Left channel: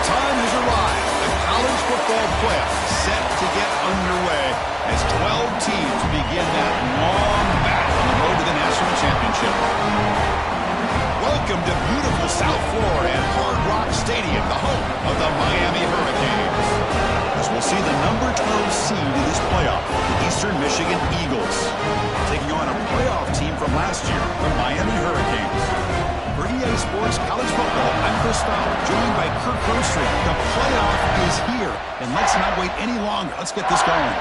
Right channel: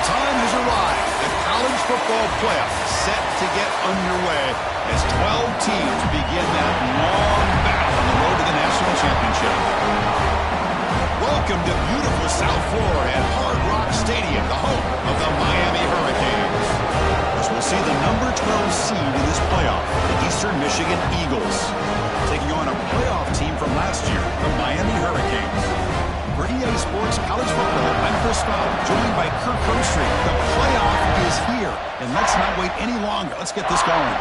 The time has arrived. The college football playoff set to get underway as 12 teams begin that long battle on the road to the national championship. Welcome to beautiful South Florida at Hard Rock Stadium, the home of the Miami Hurricanes. As we'll see the number 12 seed in this playoff, the Eastern Michigan Eagles, taking on a playoff team from last year, the Miami Hurricanes. For EA Sports College Football, I'm Chris Fowler, joined by Kirk Herbstreit. The playoff is here, and let's not wait any longer. Let's get this going.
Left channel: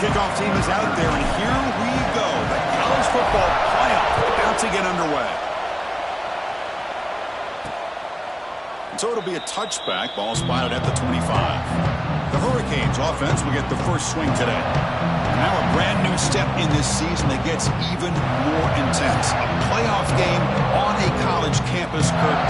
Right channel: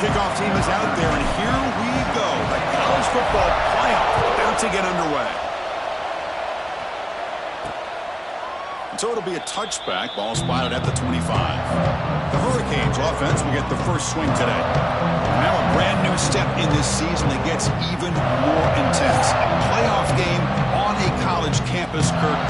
Kickoff team is out there, and here we go. The college football playoff about to get underway. And so it'll be a touchback. Ball spotted at the 25. The Hurricanes offense will get the first swing today. And now a brand new step in this season that gets even more intense. A playoff game on a college campus, Kirk.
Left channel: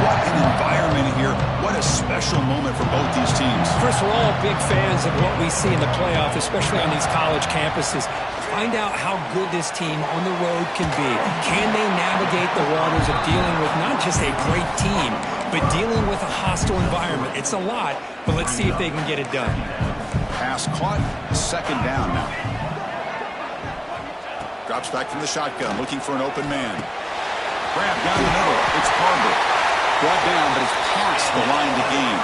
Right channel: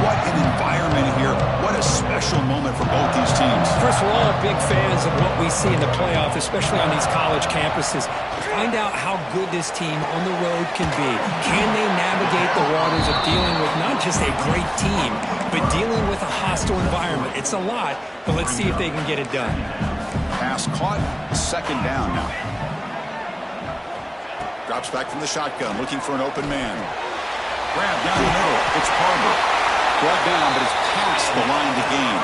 What an environment here. What a special moment for both these teams. First, we're all big fans of what we see in the playoff, especially on these college campuses. Find out how good this team on the road can be. Can they navigate the waters of dealing with not just a great team, but dealing with a hostile environment? It's a lot, but let's see if they can get it done. Pass caught. Second down now. Drops back from the shotgun, looking for an open man. Grab down the middle. It's Harbor. Brought down, but it's past the line to gain.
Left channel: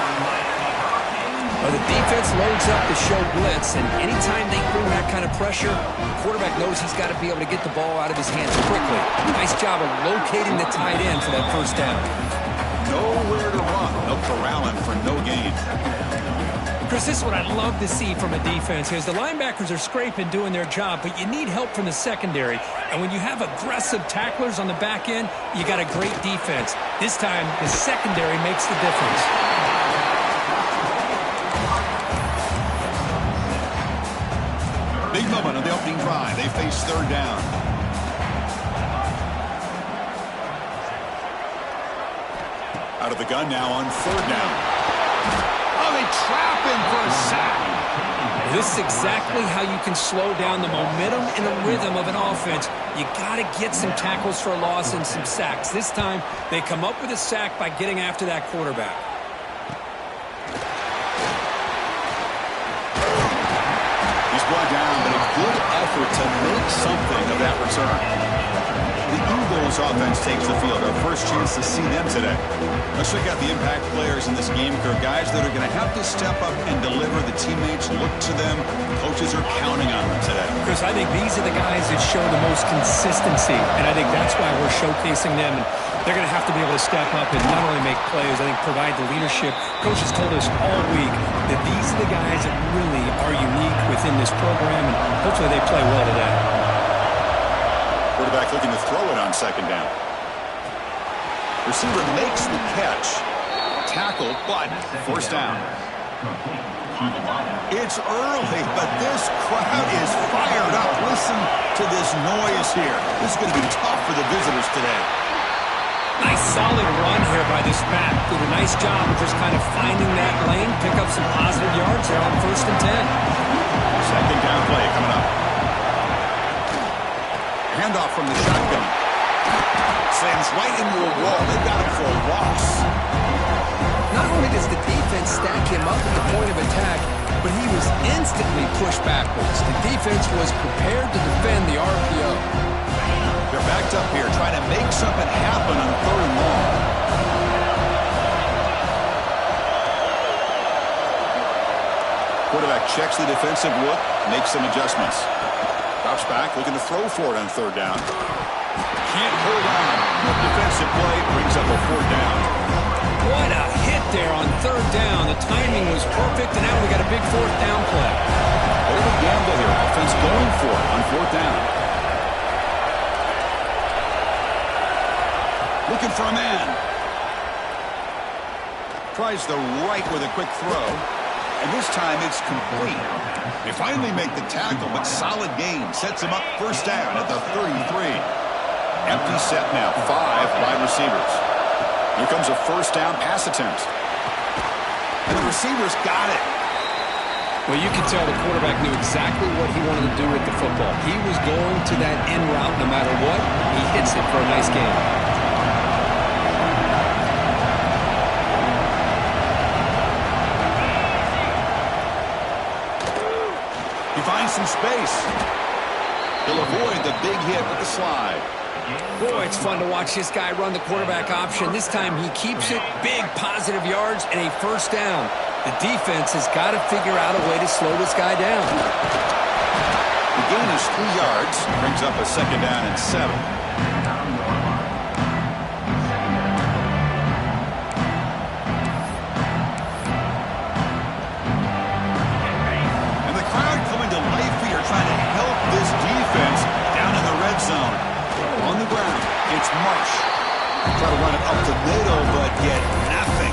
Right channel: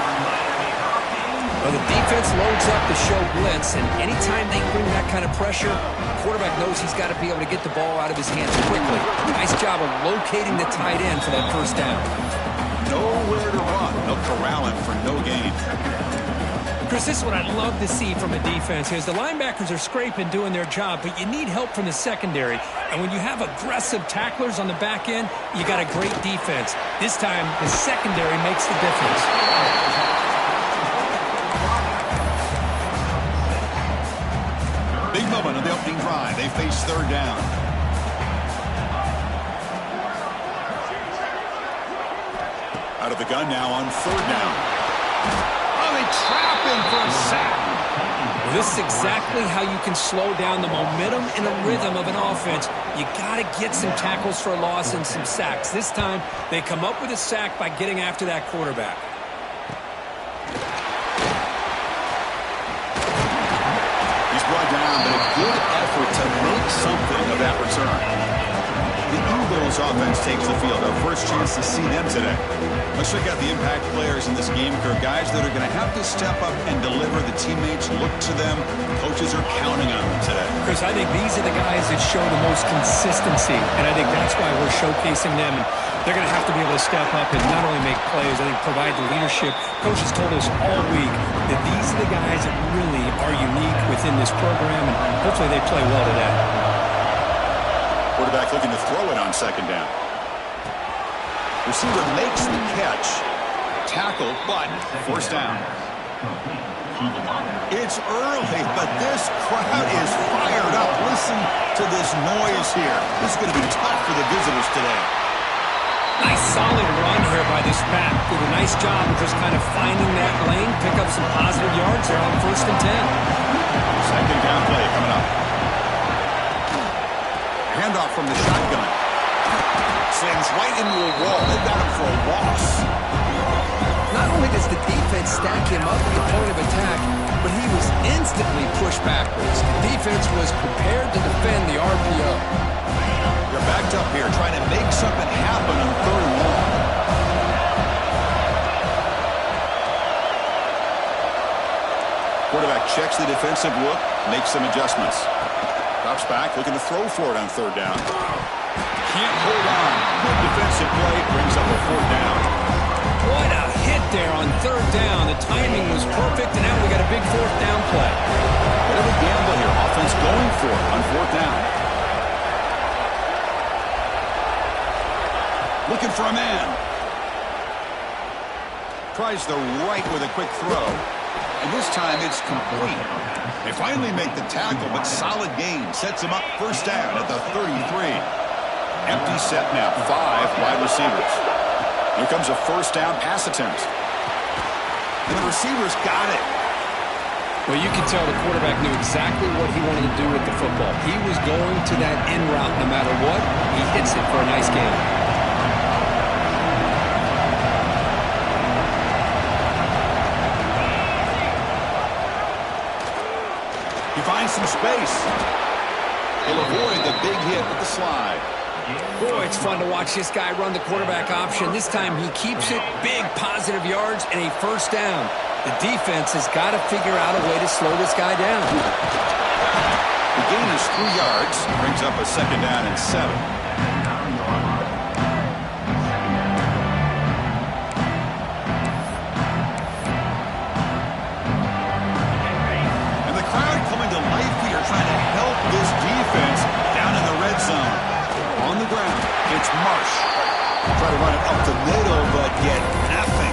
Well, the defense loads up to show blitz, and anytime they bring that kind of pressure, the quarterback knows he's got to be able to get the ball out of his hands quickly. Nice job of locating the tight end for that first down. Nowhere to run. They'll corral him for no gain. Chris, this is what I love to see from a defense here. The linebackers are scraping, doing their job, but you need help from the secondary. And when you have aggressive tacklers on the back end, you got a great defense. This time, the secondary makes the difference. Big moment on the opening drive. They face third down. Out of the gun now on third down. Oh, they trap him for a sack. This is exactly how you can slow down the momentum and the rhythm of an offense. You got to get some tackles for a loss and some sacks. This time, they come up with a sack by getting after that quarterback. He's brought down, but a good effort to make something of that return. The Eagles offense takes the field. Our first chance to see them today. Let's check out the impact players in this game. They're guys that are going to have to step up and deliver. The teammates look to them. Coaches are counting on them today. Chris, I think these are the guys that show the most consistency, and I think that's why we're showcasing them. And they're going to have to be able to step up and not only make plays, I think provide the leadership. Coaches told us all week that these are the guys that really are unique within this program, and hopefully they play well today. Quarterback looking to throw it on second down. Receiver makes the catch. Tackle, but first down. It's early, but this crowd is fired up. Listen to this noise here. This is going to be tough for the visitors today. Nice solid run here by this back. Did a nice job of just kind of finding that lane, pick up some positive yards there on 1st and 10. Second down play coming up. Handoff from the shotgun. Slams right into a wall. They've got him for a loss. Not only does the defense stack him up at the point of attack, but he was instantly pushed backwards. The defense was prepared to defend the RPO. They're backed up here, trying to make something happen on third and long. Quarterback checks the defensive look, makes some adjustments. Drops back, looking to throw for it on third down. Can't hold on. Good defensive play, brings up a fourth down. What a hit there on third down. The timing was perfect, and now we got a big fourth down play. Bit of a gamble here. Offense going for it on fourth down. Looking for a man. Tries the right with a quick throw. And this time it's complete. They finally make the tackle, but solid gain. Sets him up first down at the 33. Empty set now. 5 wide receivers. Here comes a first down pass attempt. And the receivers got it. Well, you could tell the quarterback knew exactly what he wanted to do with the football. He was going to that end route no matter what. He hits it for a nice gain. He finds some space. He'll avoid the big hit with the slide. Boy, it's fun to watch this guy run the quarterback option. This time he keeps it, big positive yards, and a first down. The defense has got to figure out a way to slow this guy down. The gain is 3 yards, brings up a second down and 7. And the crowd coming to life here, trying to help this defense down in the red zone. On the ground, it's Marsh. Try to run it up the middle, but get nothing.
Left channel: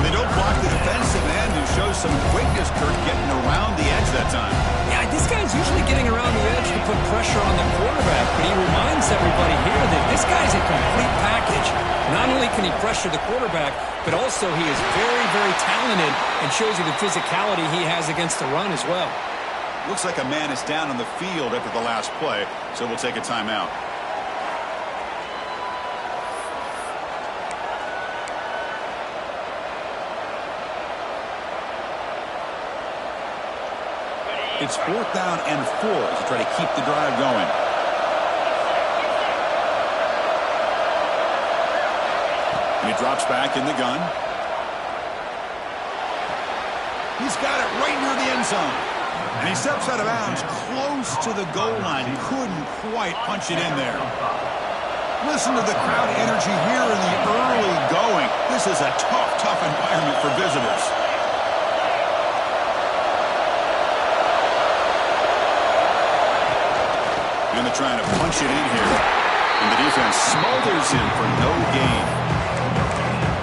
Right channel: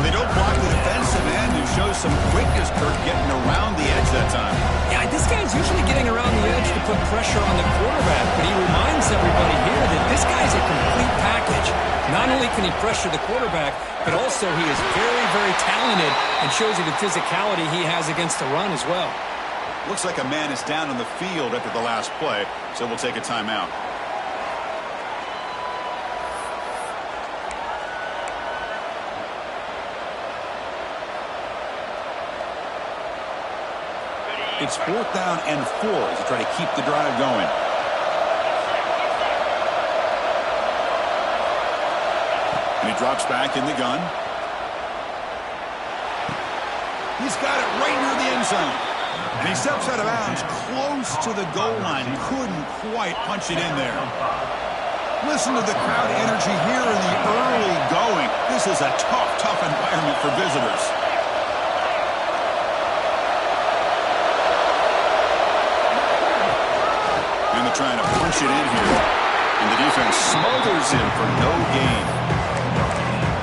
They don't block the defensive end, who shows some quickness, Kirk, getting around the edge that time. Yeah, this guy's usually getting around the edge to put pressure on the quarterback, but he reminds everybody here that this guy's a complete package. Not only can he pressure the quarterback, but also he is very, very talented and shows you the physicality he has against the run as well. Looks like a man is down on the field after the last play, so we'll take a timeout. It's 4th down and 4 as they try to keep the drive going. And he drops back in the gun. He's got it right near the end zone. And he steps out of bounds close to the goal line. Couldn't quite punch it in there. Listen to the crowd energy here in the early going. This is a tough environment for visitors. And they're trying to punch it in here. And the defense smothers him for no gain.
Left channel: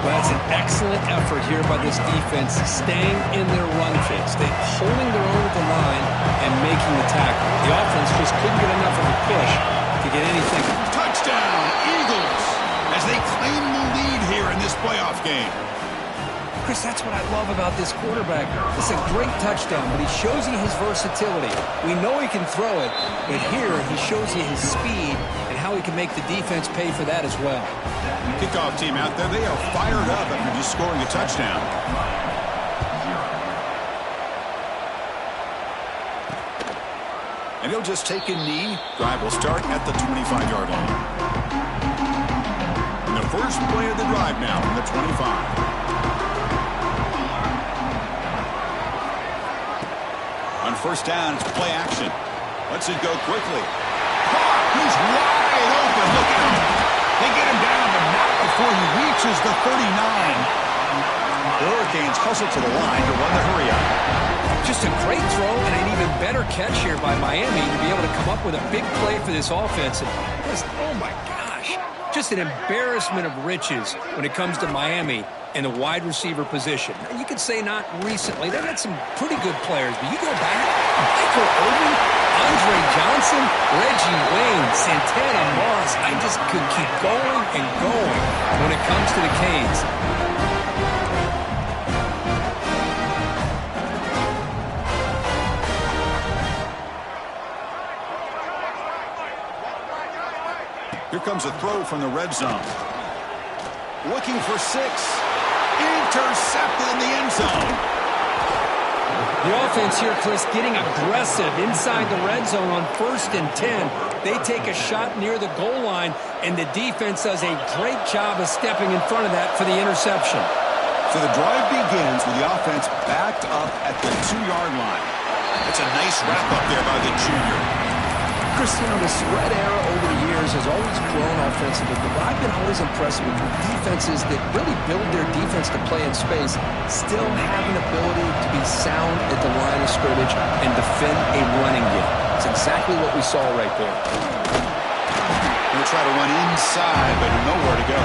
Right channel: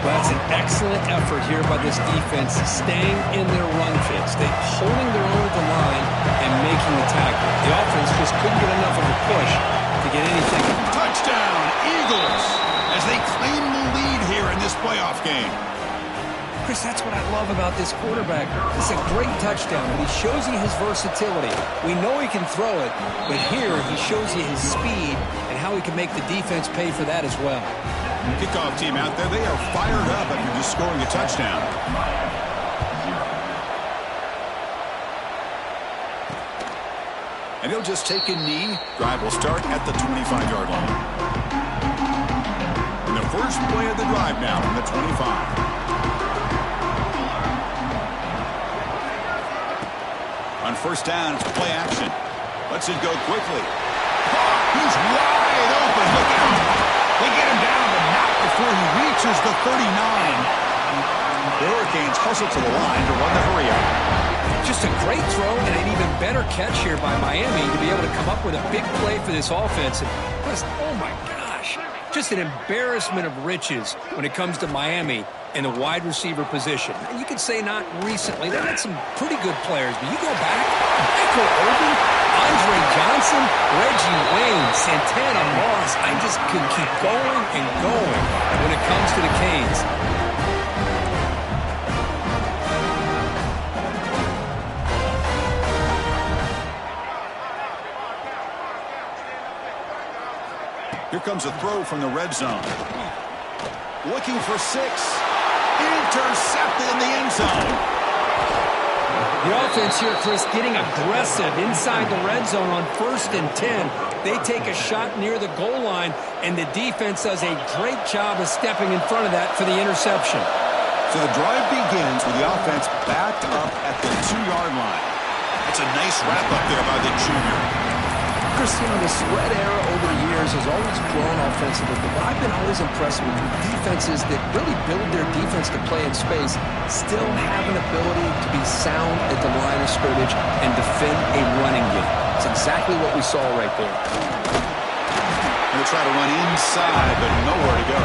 Well, that's an excellent effort here by this defense, staying in their run fits. They're holding their own at the line and making the tackle. The offense just couldn't get enough of a push to get anything. Touchdown, Eagles, as they claim the lead here in this playoff game. Chris, that's what I love about this quarterback. It's a great touchdown, but he shows you his versatility. We know he can throw it, but here he shows you his speed and how he can make the defense pay for that as well. Kickoff team out there, they are fired up after just scoring a touchdown. And he'll just take a knee. Drive will start at the 25-yard line. And the first play of the drive now from the 25. On first down, it's play action. Lets it go quickly. He's wide open. Look out. They get him down, but not before he reaches the 39. The Hurricanes hustle to the line to run the hurry up. Just a great throw and an even better catch here by Miami to be able to come up with a big play for this offense. And oh my gosh, just an embarrassment of riches when it comes to Miami in the wide receiver position. You could say not recently. They've had some pretty good players, but you go back, Michael Irvin, Andre Johnson, Reggie Wayne, Santana Moss. I just could keep going and going when it comes to the Canes. Here comes a throw from the red zone. Looking for 6. Intercepted in the end zone. The offense here, Chris, getting aggressive inside the red zone on 1st and 10. They take a shot near the goal line, and the defense does a great job of stepping in front of that for the interception. So the drive begins with the offense backed up at the 2-yard line. That's a nice wrap-up there by the junior. Chris, you know, the spread era over the years has always grown offensively, but I've been always impressed with defenses that really build their defense to play in space, still have an ability to be sound at the line of scrimmage and defend a running game. It's exactly what we saw right there. They'll try to run inside, but nowhere to go.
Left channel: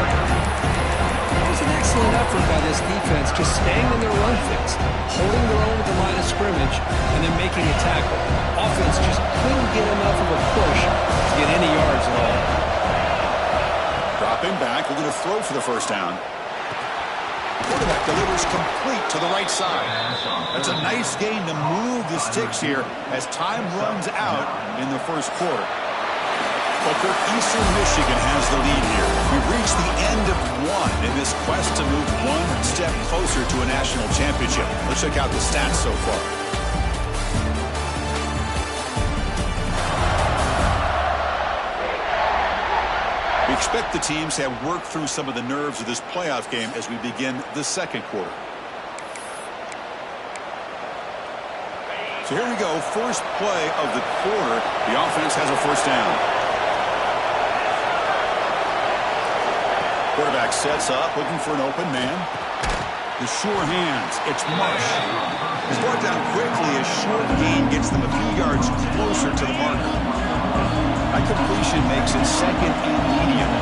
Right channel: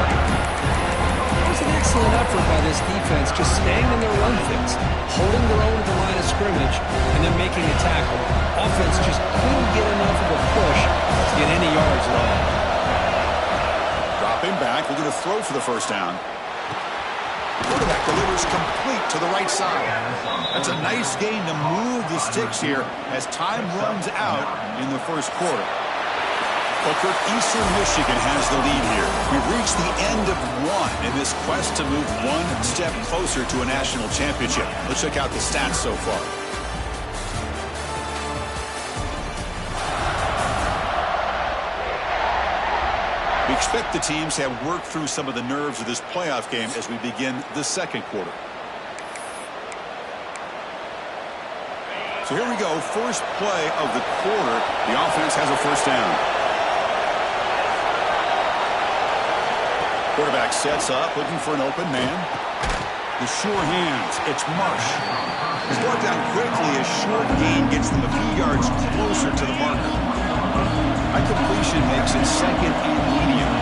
That was an excellent effort by this defense, just staying in their run fits, holding their own at the line of scrimmage, and then making a tackle. Offense just couldn't get enough of a push to get any yards at all. Dropping back, looking to throw for the first down. quarterback delivers complete to the right side. That's a nice gain to move the sticks here as time runs out in the first quarter. Well, Kirk, Eastern Michigan has the lead here. We've reached the end of one in this quest to move one step closer to a national championship. Let's check out the stats so far. We expect the teams to have worked through some of the nerves of this playoff game as we begin the second quarter. So here we go, first play of the quarter. The offense has a first down. Quarterback sets up, looking for an open man. The sure hands, it's Marsh. He's brought down quickly. A short gain gets them a few yards closer to the marker. High completion makes it second and medium.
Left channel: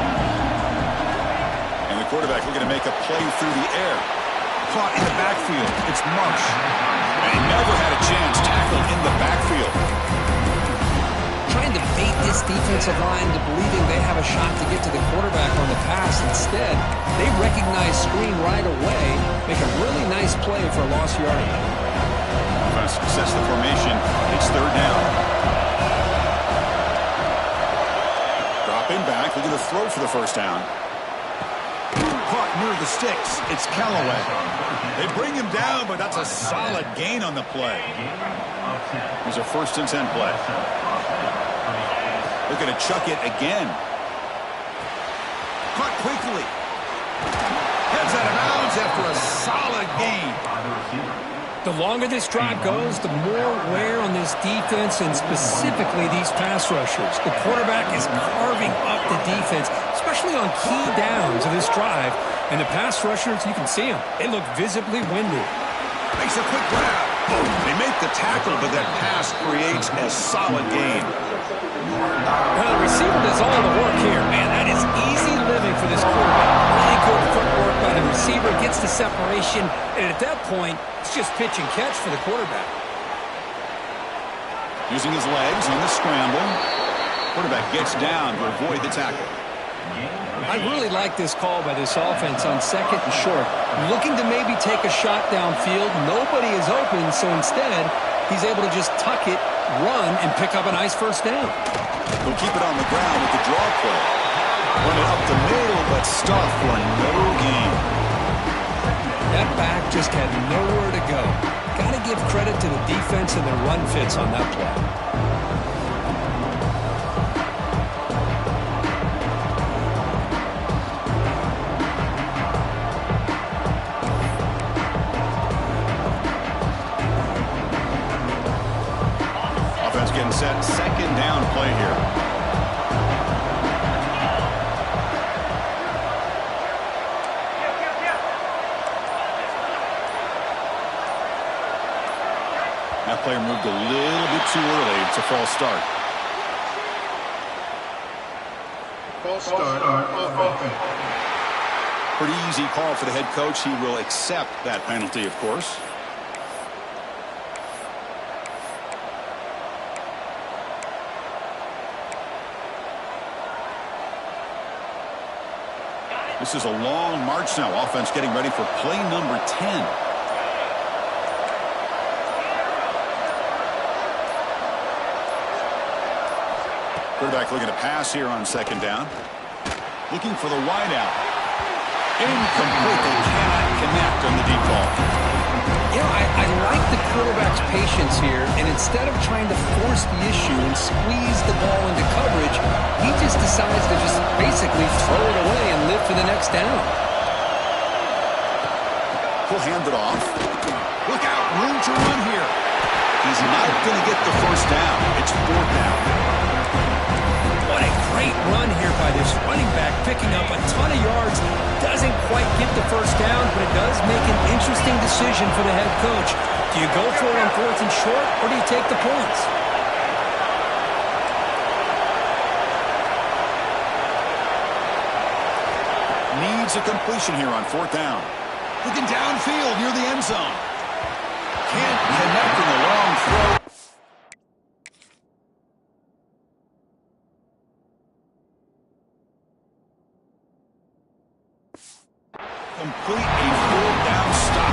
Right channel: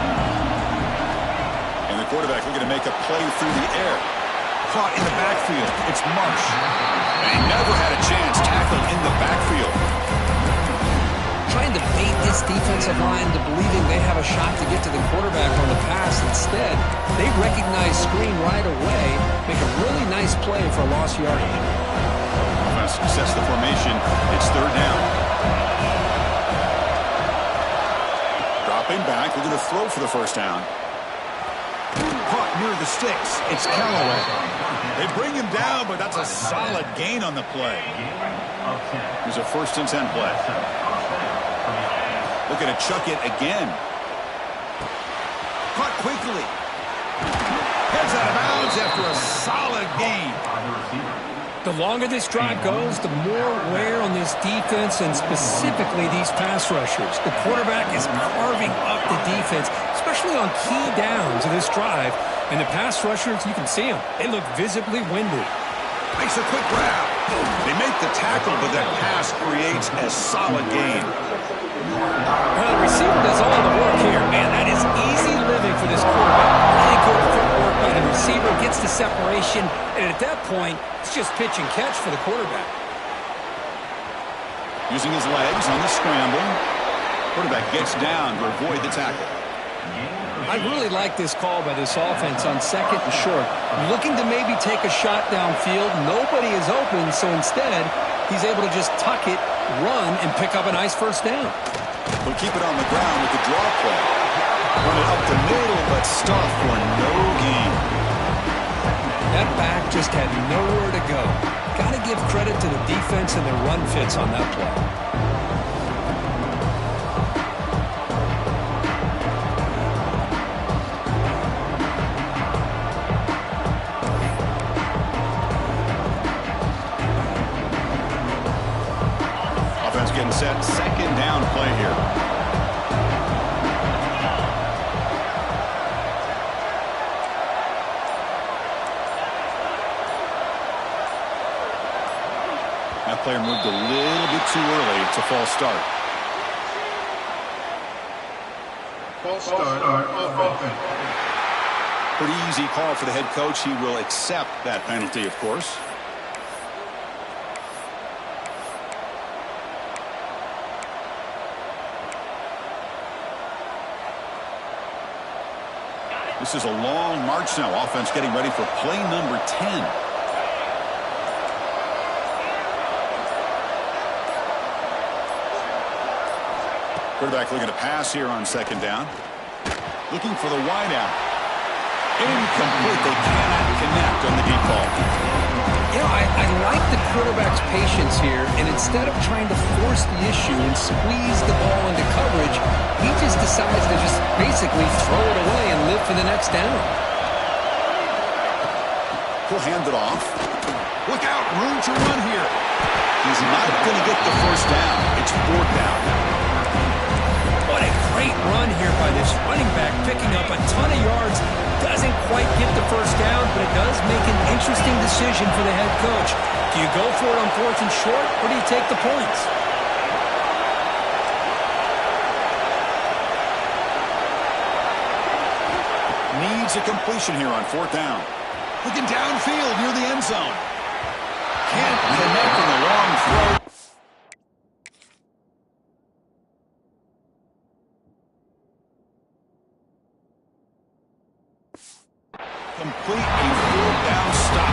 And the quarterback looking to make a play through the air. Caught in the backfield. It's Marsh. And he never had a chance. Tackled in the backfield. Trying to bait this defensive line into believing they have a shot to get to the quarterback on the pass. Instead, they recognize screen right away, make a really nice play for a lost yardage. Offense sets the formation. It's third down. Dropping back, looking to throw for the first down. Caught near the sticks. It's Callaway. They bring him down, but that's a solid gain on the play. Here's a 1st and 10 play. Looking to chuck it again. Caught quickly. Heads out of bounds after a solid gain. The longer this drive goes, the more wear on this defense and specifically these pass rushers. The quarterback is carving up the defense, especially on key downs of this drive. And the pass rushers, you can see them. They look visibly winded. Makes a quick grab. They make the tackle, but that pass creates a solid gain. Well, the receiver does all the work here. Man, that is easy living for this quarterback. Really good footwork by the receiver, gets the separation, and at that point, it's just pitch and catch for the quarterback. Using his legs on the scramble. Quarterback gets down to avoid the tackle. I really like this call by this offense on 2nd and short. Looking to maybe take a shot downfield. Nobody is open, so instead, he's able to just tuck it, run, and pick up a nice first down. He'll keep it on the ground with the draw play. Run it up the middle, but stop for no gain. That back just had nowhere to go. Got to give credit to the defense and their run fits on that play. Getting set, 2nd down play here. That player moved a little bit too early. It's a false start. False start on offense. Pretty easy call for the head coach. He will accept that penalty, of course. This is a long march now. Offense getting ready for play number 10. Quarterback looking to pass here on 2nd down. Looking for the wideout. Incomplete. They cannot connect on the deep ball. You know, I like the quarterback's patience here, and instead of trying to force the issue and squeeze the ball into coverage, he just decides to just basically throw it away and live for the next down. He'll hand it off. Look out, room to run here. He's not going to get the first down. It's 4th down. What a great run here by this running back, picking up a ton of yards. Doesn't quite get the first down, but it does make an interesting decision for the head coach. Do you go for it on 4th and short, or do you take the points? Needs a completion here on 4th down. Looking downfield near the end zone. Can't connect in the long throw. complete a full down stop.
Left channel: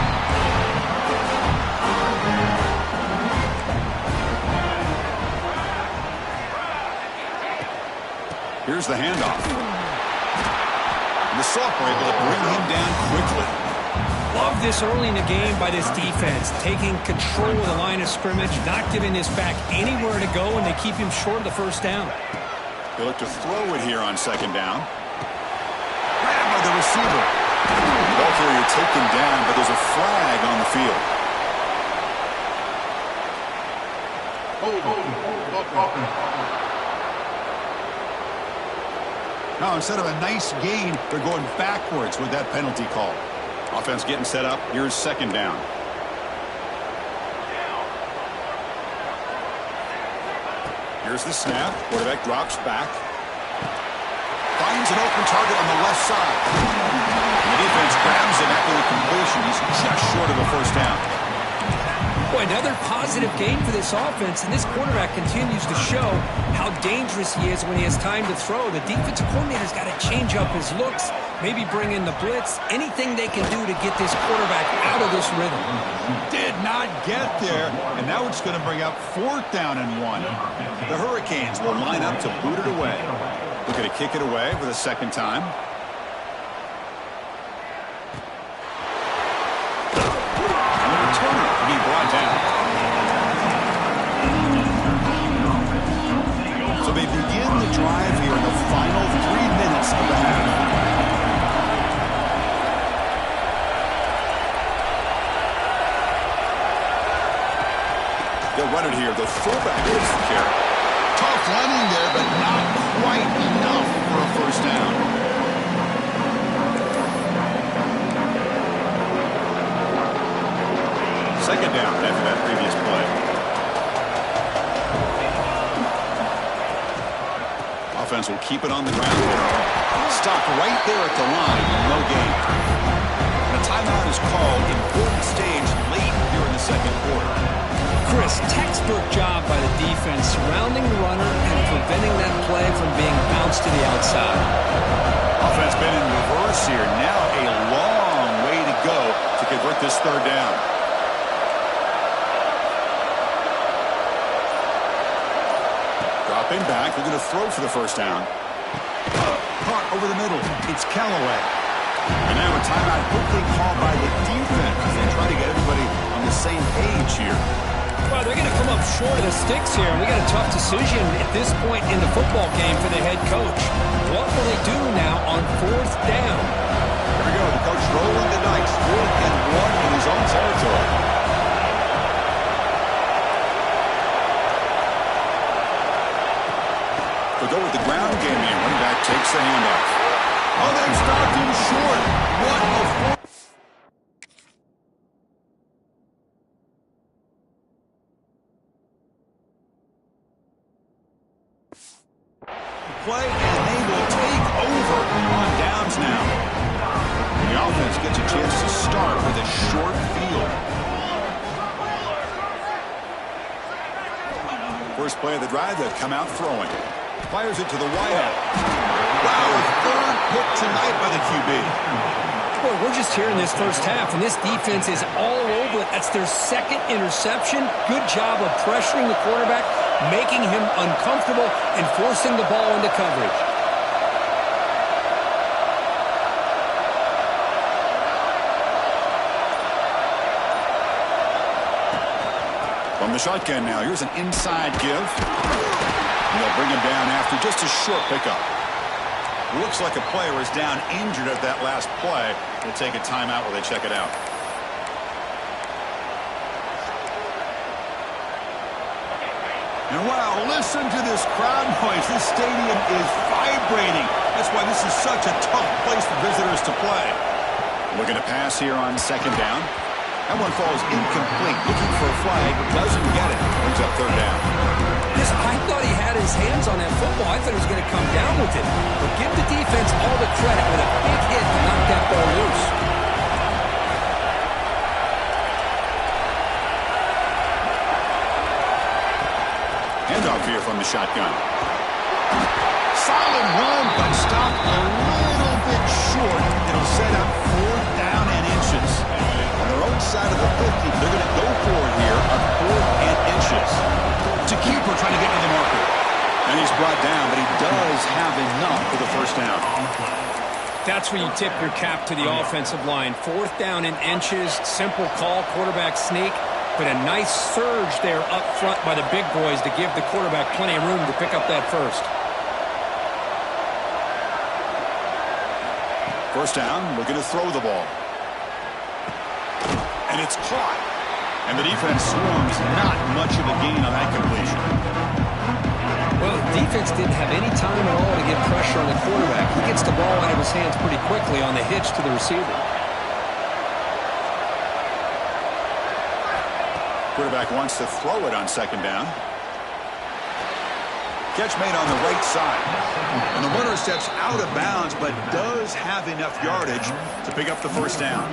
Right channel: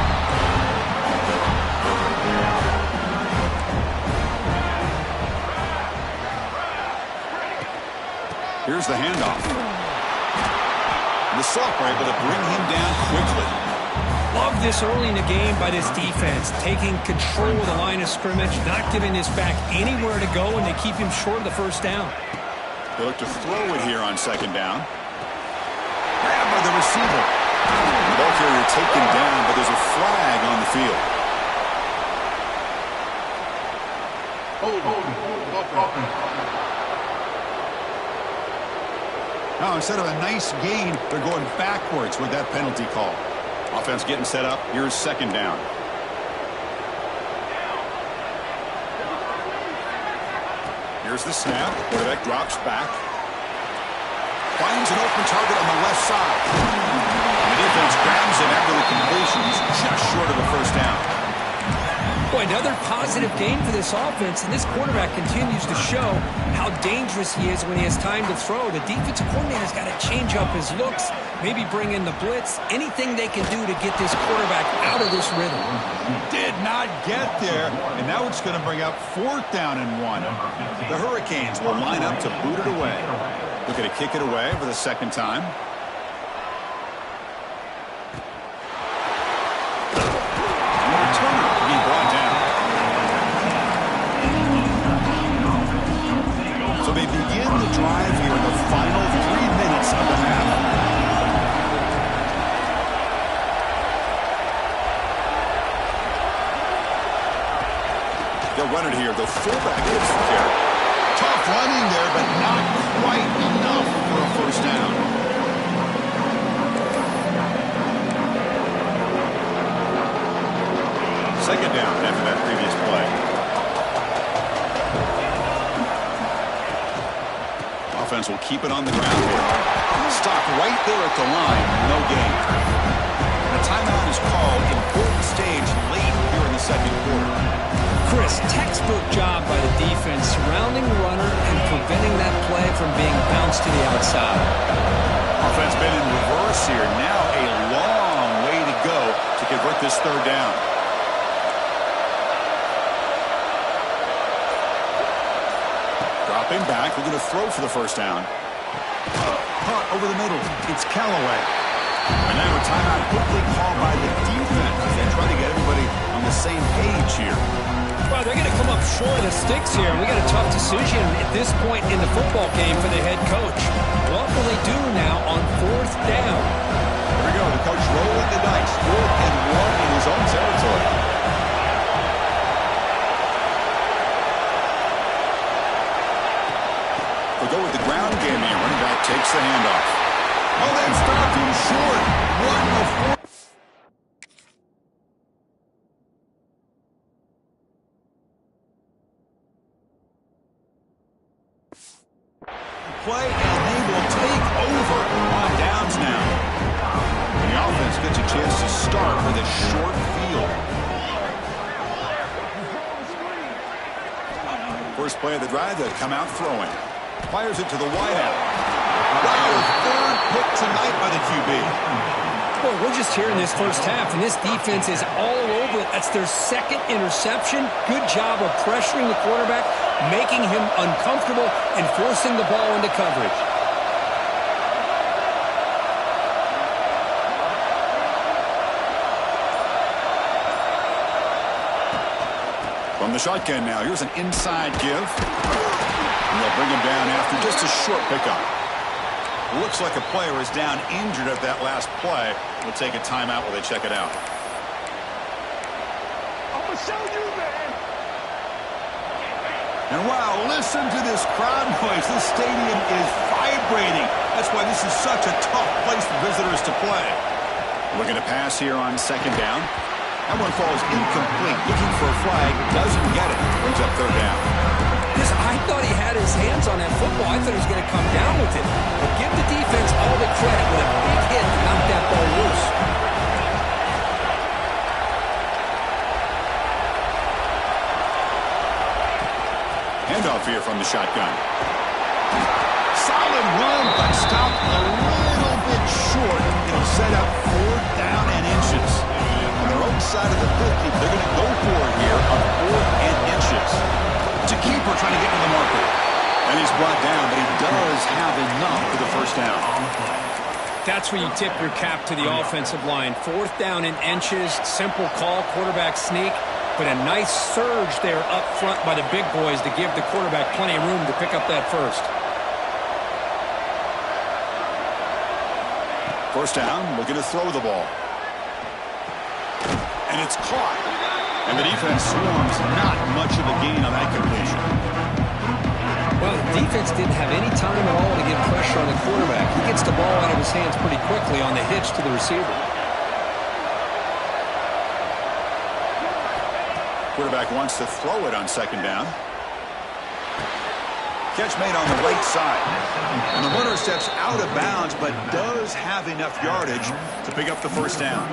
Here's the handoff. The Soft were able to bring him down quickly. Love this early in the game by this defense, taking control of the line of scrimmage, not giving this back anywhere to go, and they keep him short of the first down. They look to throw it here on second down. Grab by the receiver. The ball carrier taken down, but there's a flag on the field. Now, instead of a nice gain, they're going backwards with that penalty call. Offense getting set up. Here's second down. Here's the snap. Quarterback drops back. Finds an open target on the left side. And the defense grabs him after the completion. He's just short of a first down. Boy, another positive game for this offense, and this quarterback continues to show how dangerous he is when he has time to throw. The defensive coordinator's got to change up his looks, maybe bring in the blitz, anything they can do to get this quarterback out of this rhythm. Did not get there, and now it's going to bring up 4th down and 1. The Hurricanes will line up to boot it away. Looking to kick it away for the second time. And the returner will be brought down. So they begin the drive here in the final 3 minutes of the half. They'll run it here. The fullback gets the carry. Tough running there, but not quite enough for a first down. Second down after that previous play. Offense will keep it on the ground here. Stop right there at the line. No gain. And a timeout is called. Important stage late here in the second quarter. Chris, textbook job by the defense surrounding the runner and preventing that play from being bounced to the outside. Offense been in reverse here. Now a long way to go to convert this third down. Dropping back, looking to throw for the first down. Caught over the middle. It's Callaway. And now a timeout quickly called by the defense as they try to get everybody on the same page here. Well, they're going to come up short of the sticks here, and we got a tough decision at this point in the football game for the head coach. What will they do now on 4th down? Here we go, the coach rolling the dice. 4th and 1 in his own territory. They'll go with the ground game here. Running back takes the handoff. Oh, they've stopped him short. What a play, and they will take over on downs now. And the offense gets a chance to start with a short field. First play of the drive, they'll come out throwing. Fires it to the wideout. Wow, a 3rd pick tonight by the QB. Boy, we're just here in this first half, and this defense is all over it. That's their 2nd interception. Good job of pressuring the quarterback, making him uncomfortable, and forcing the ball into coverage. From the shotgun now, here's an inside give. And they'll bring him down after just a short pickup. Looks like a player is down injured at that last play. We'll take a timeout while they check it out. And wow, listen to this crowd noise. This stadium is vibrating. That's why this is such a tough place for visitors to play. Looking to pass here on second down. That one falls incomplete. Looking for a flag. Doesn't get it. Brings up third down. I thought he had his hands on that football. I thought he was going to come down with it. But give the defense all the credit with a big hit to knock that ball loose. Handoff here from the shotgun. Solid run, but stopped a little bit short. It'll set up 4th down and inches. On their own side of the 50, they're going to go for it here on 4th and inches. It's a keeper trying to get to the marker. And he's brought down, but he does have enough for the first down. That's where you tip your cap to the offensive line. 4th down in inches, simple call, quarterback sneak, but a nice surge there up front by the big boys to give the quarterback plenty of room to pick up that first. First down, looking to throw the ball. And it's caught. And the defense swarms, not much of a gain on that completion. Well, the defense didn't have any time at all to get pressure on the quarterback. He gets the ball out of his hands pretty quickly on the hitch to the receiver. Quarterback wants to throw it on second down. Catch made on the right side. And the runner steps out of bounds, but does have enough yardage to pick up the first down.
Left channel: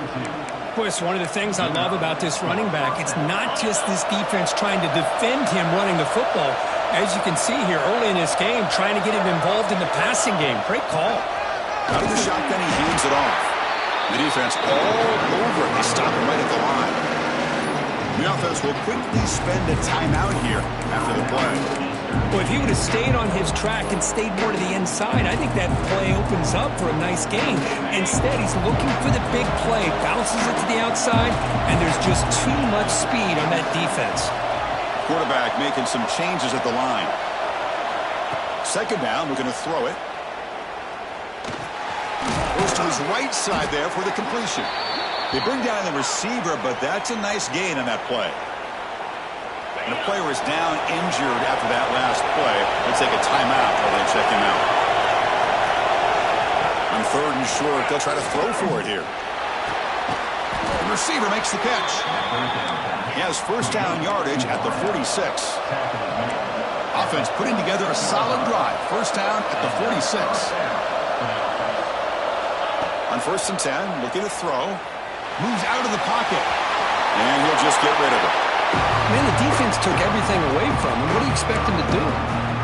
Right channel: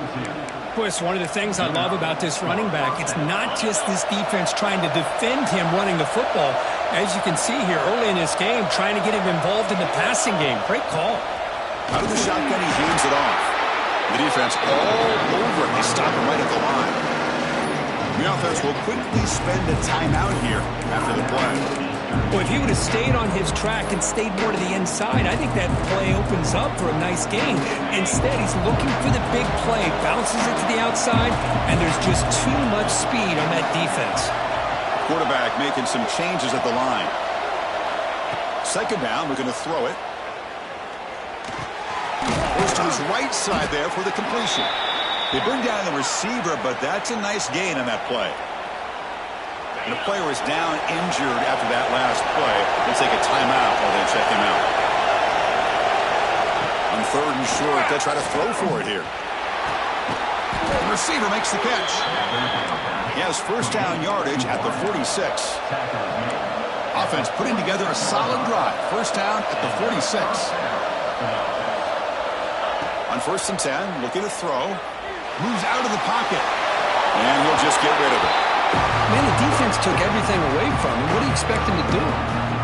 Boy, it's one of the things I love about this running back. It's not just this defense trying to defend him running the football. As you can see here early in this game, trying to get him involved in the passing game. Great call. Out of the shotgun, he hands it off. The defense all over it. They stop him right at the line. The offense will quickly spend a timeout here after the play. Well, if he would have stayed on his track and stayed more to the inside, I think that play opens up for a nice gain. Instead, he's looking for the big play, bounces it to the outside, and there's just too much speed on that defense. Quarterback making some changes at the line. Second down, we're going to throw it. Goes to his right side there for the completion. They bring down the receiver, but that's a nice gain on that play. And the player is down injured after that last play. Let's take a timeout while they check him out. On 3rd and short, they'll try to throw for it here. The receiver makes the catch. He has first down yardage at the 46. Offense putting together a solid drive. First down at the 46. On 1st and 10, looking to throw. Moves out of the pocket. And he'll just get rid of it. Man, the defense took everything away from him. What do you expect him to do?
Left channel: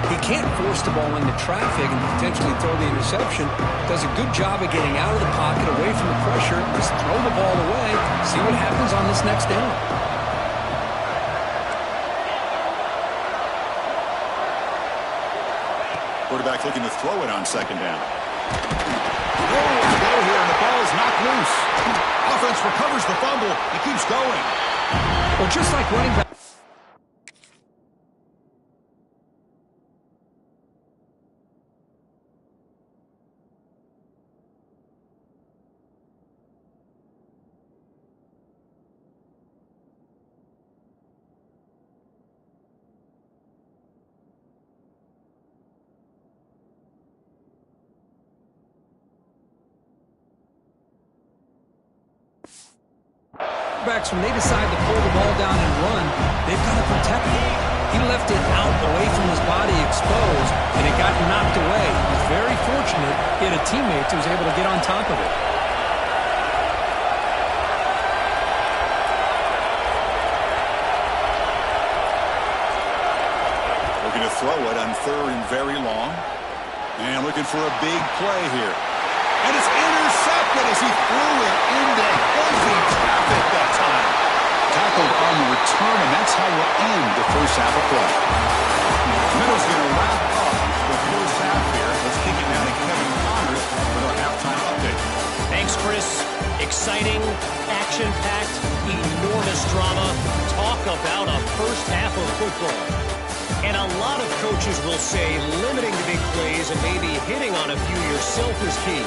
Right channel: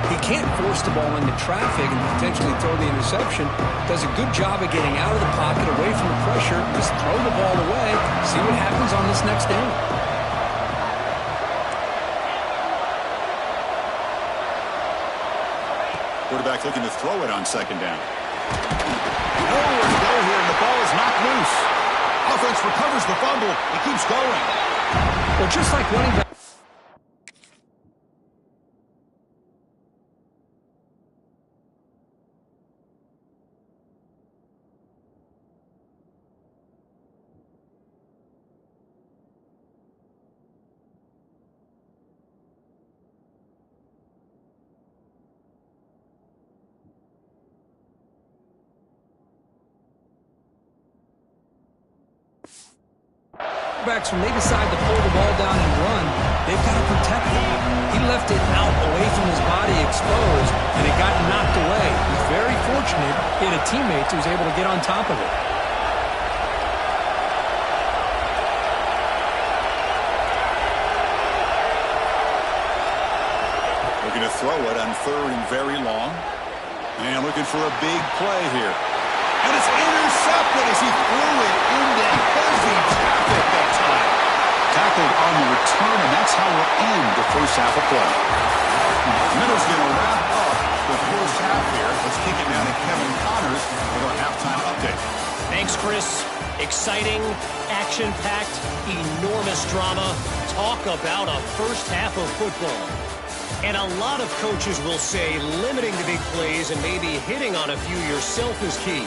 He can't force the ball into traffic and potentially throw the interception. Does a good job of getting out of the pocket, away from the pressure. Just throw the ball away. See what happens on this next down. Quarterback looking to throw it on second down. Nowhere to go here, and the ball is knocked loose. Offense recovers the fumble. He keeps going. Well, just like running back. Backs, when they decide to pull the ball down and run, they've got to protect it. He left it out away from his body exposed, and it got knocked away. He was very fortunate he had a teammate who was able to get on top of it. Looking to throw it on 3rd and very long. And looking for a big play here. And it's intercepted as he threw it into heavy traffic that time. Tackled on the return, and that's how we'll end the first half of play. Middle's going to wrap up the first half here. Let's kick it down to Kevin Connors with our halftime update. Thanks, Chris. Exciting, action-packed, enormous drama. Talk about a first half of football. And a lot of coaches will say limiting the big plays and maybe hitting on a few yourself is key.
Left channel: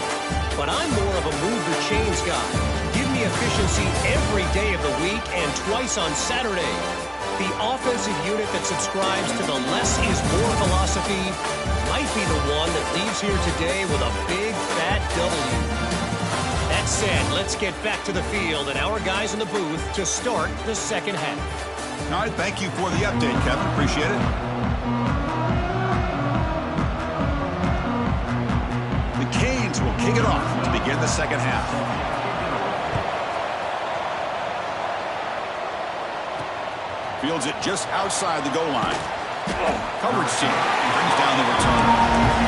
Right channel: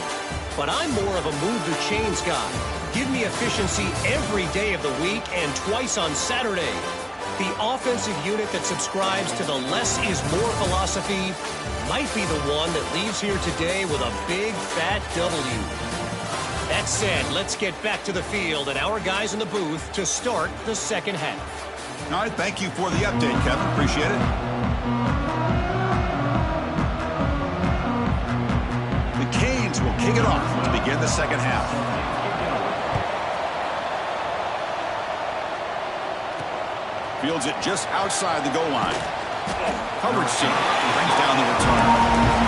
But I'm more of a move the chains guy. Give me efficiency every day of the week and twice on Saturday. The offensive unit that subscribes to the less is more philosophy might be the one that leaves here today with a big fat W. That said, let's get back to the field and our guys in the booth to start the second half. All right, thank you for the update, Kevin. Appreciate it. The Canes will kick it off to begin the second half. Fields it just outside the goal line. Coverage team brings down the return.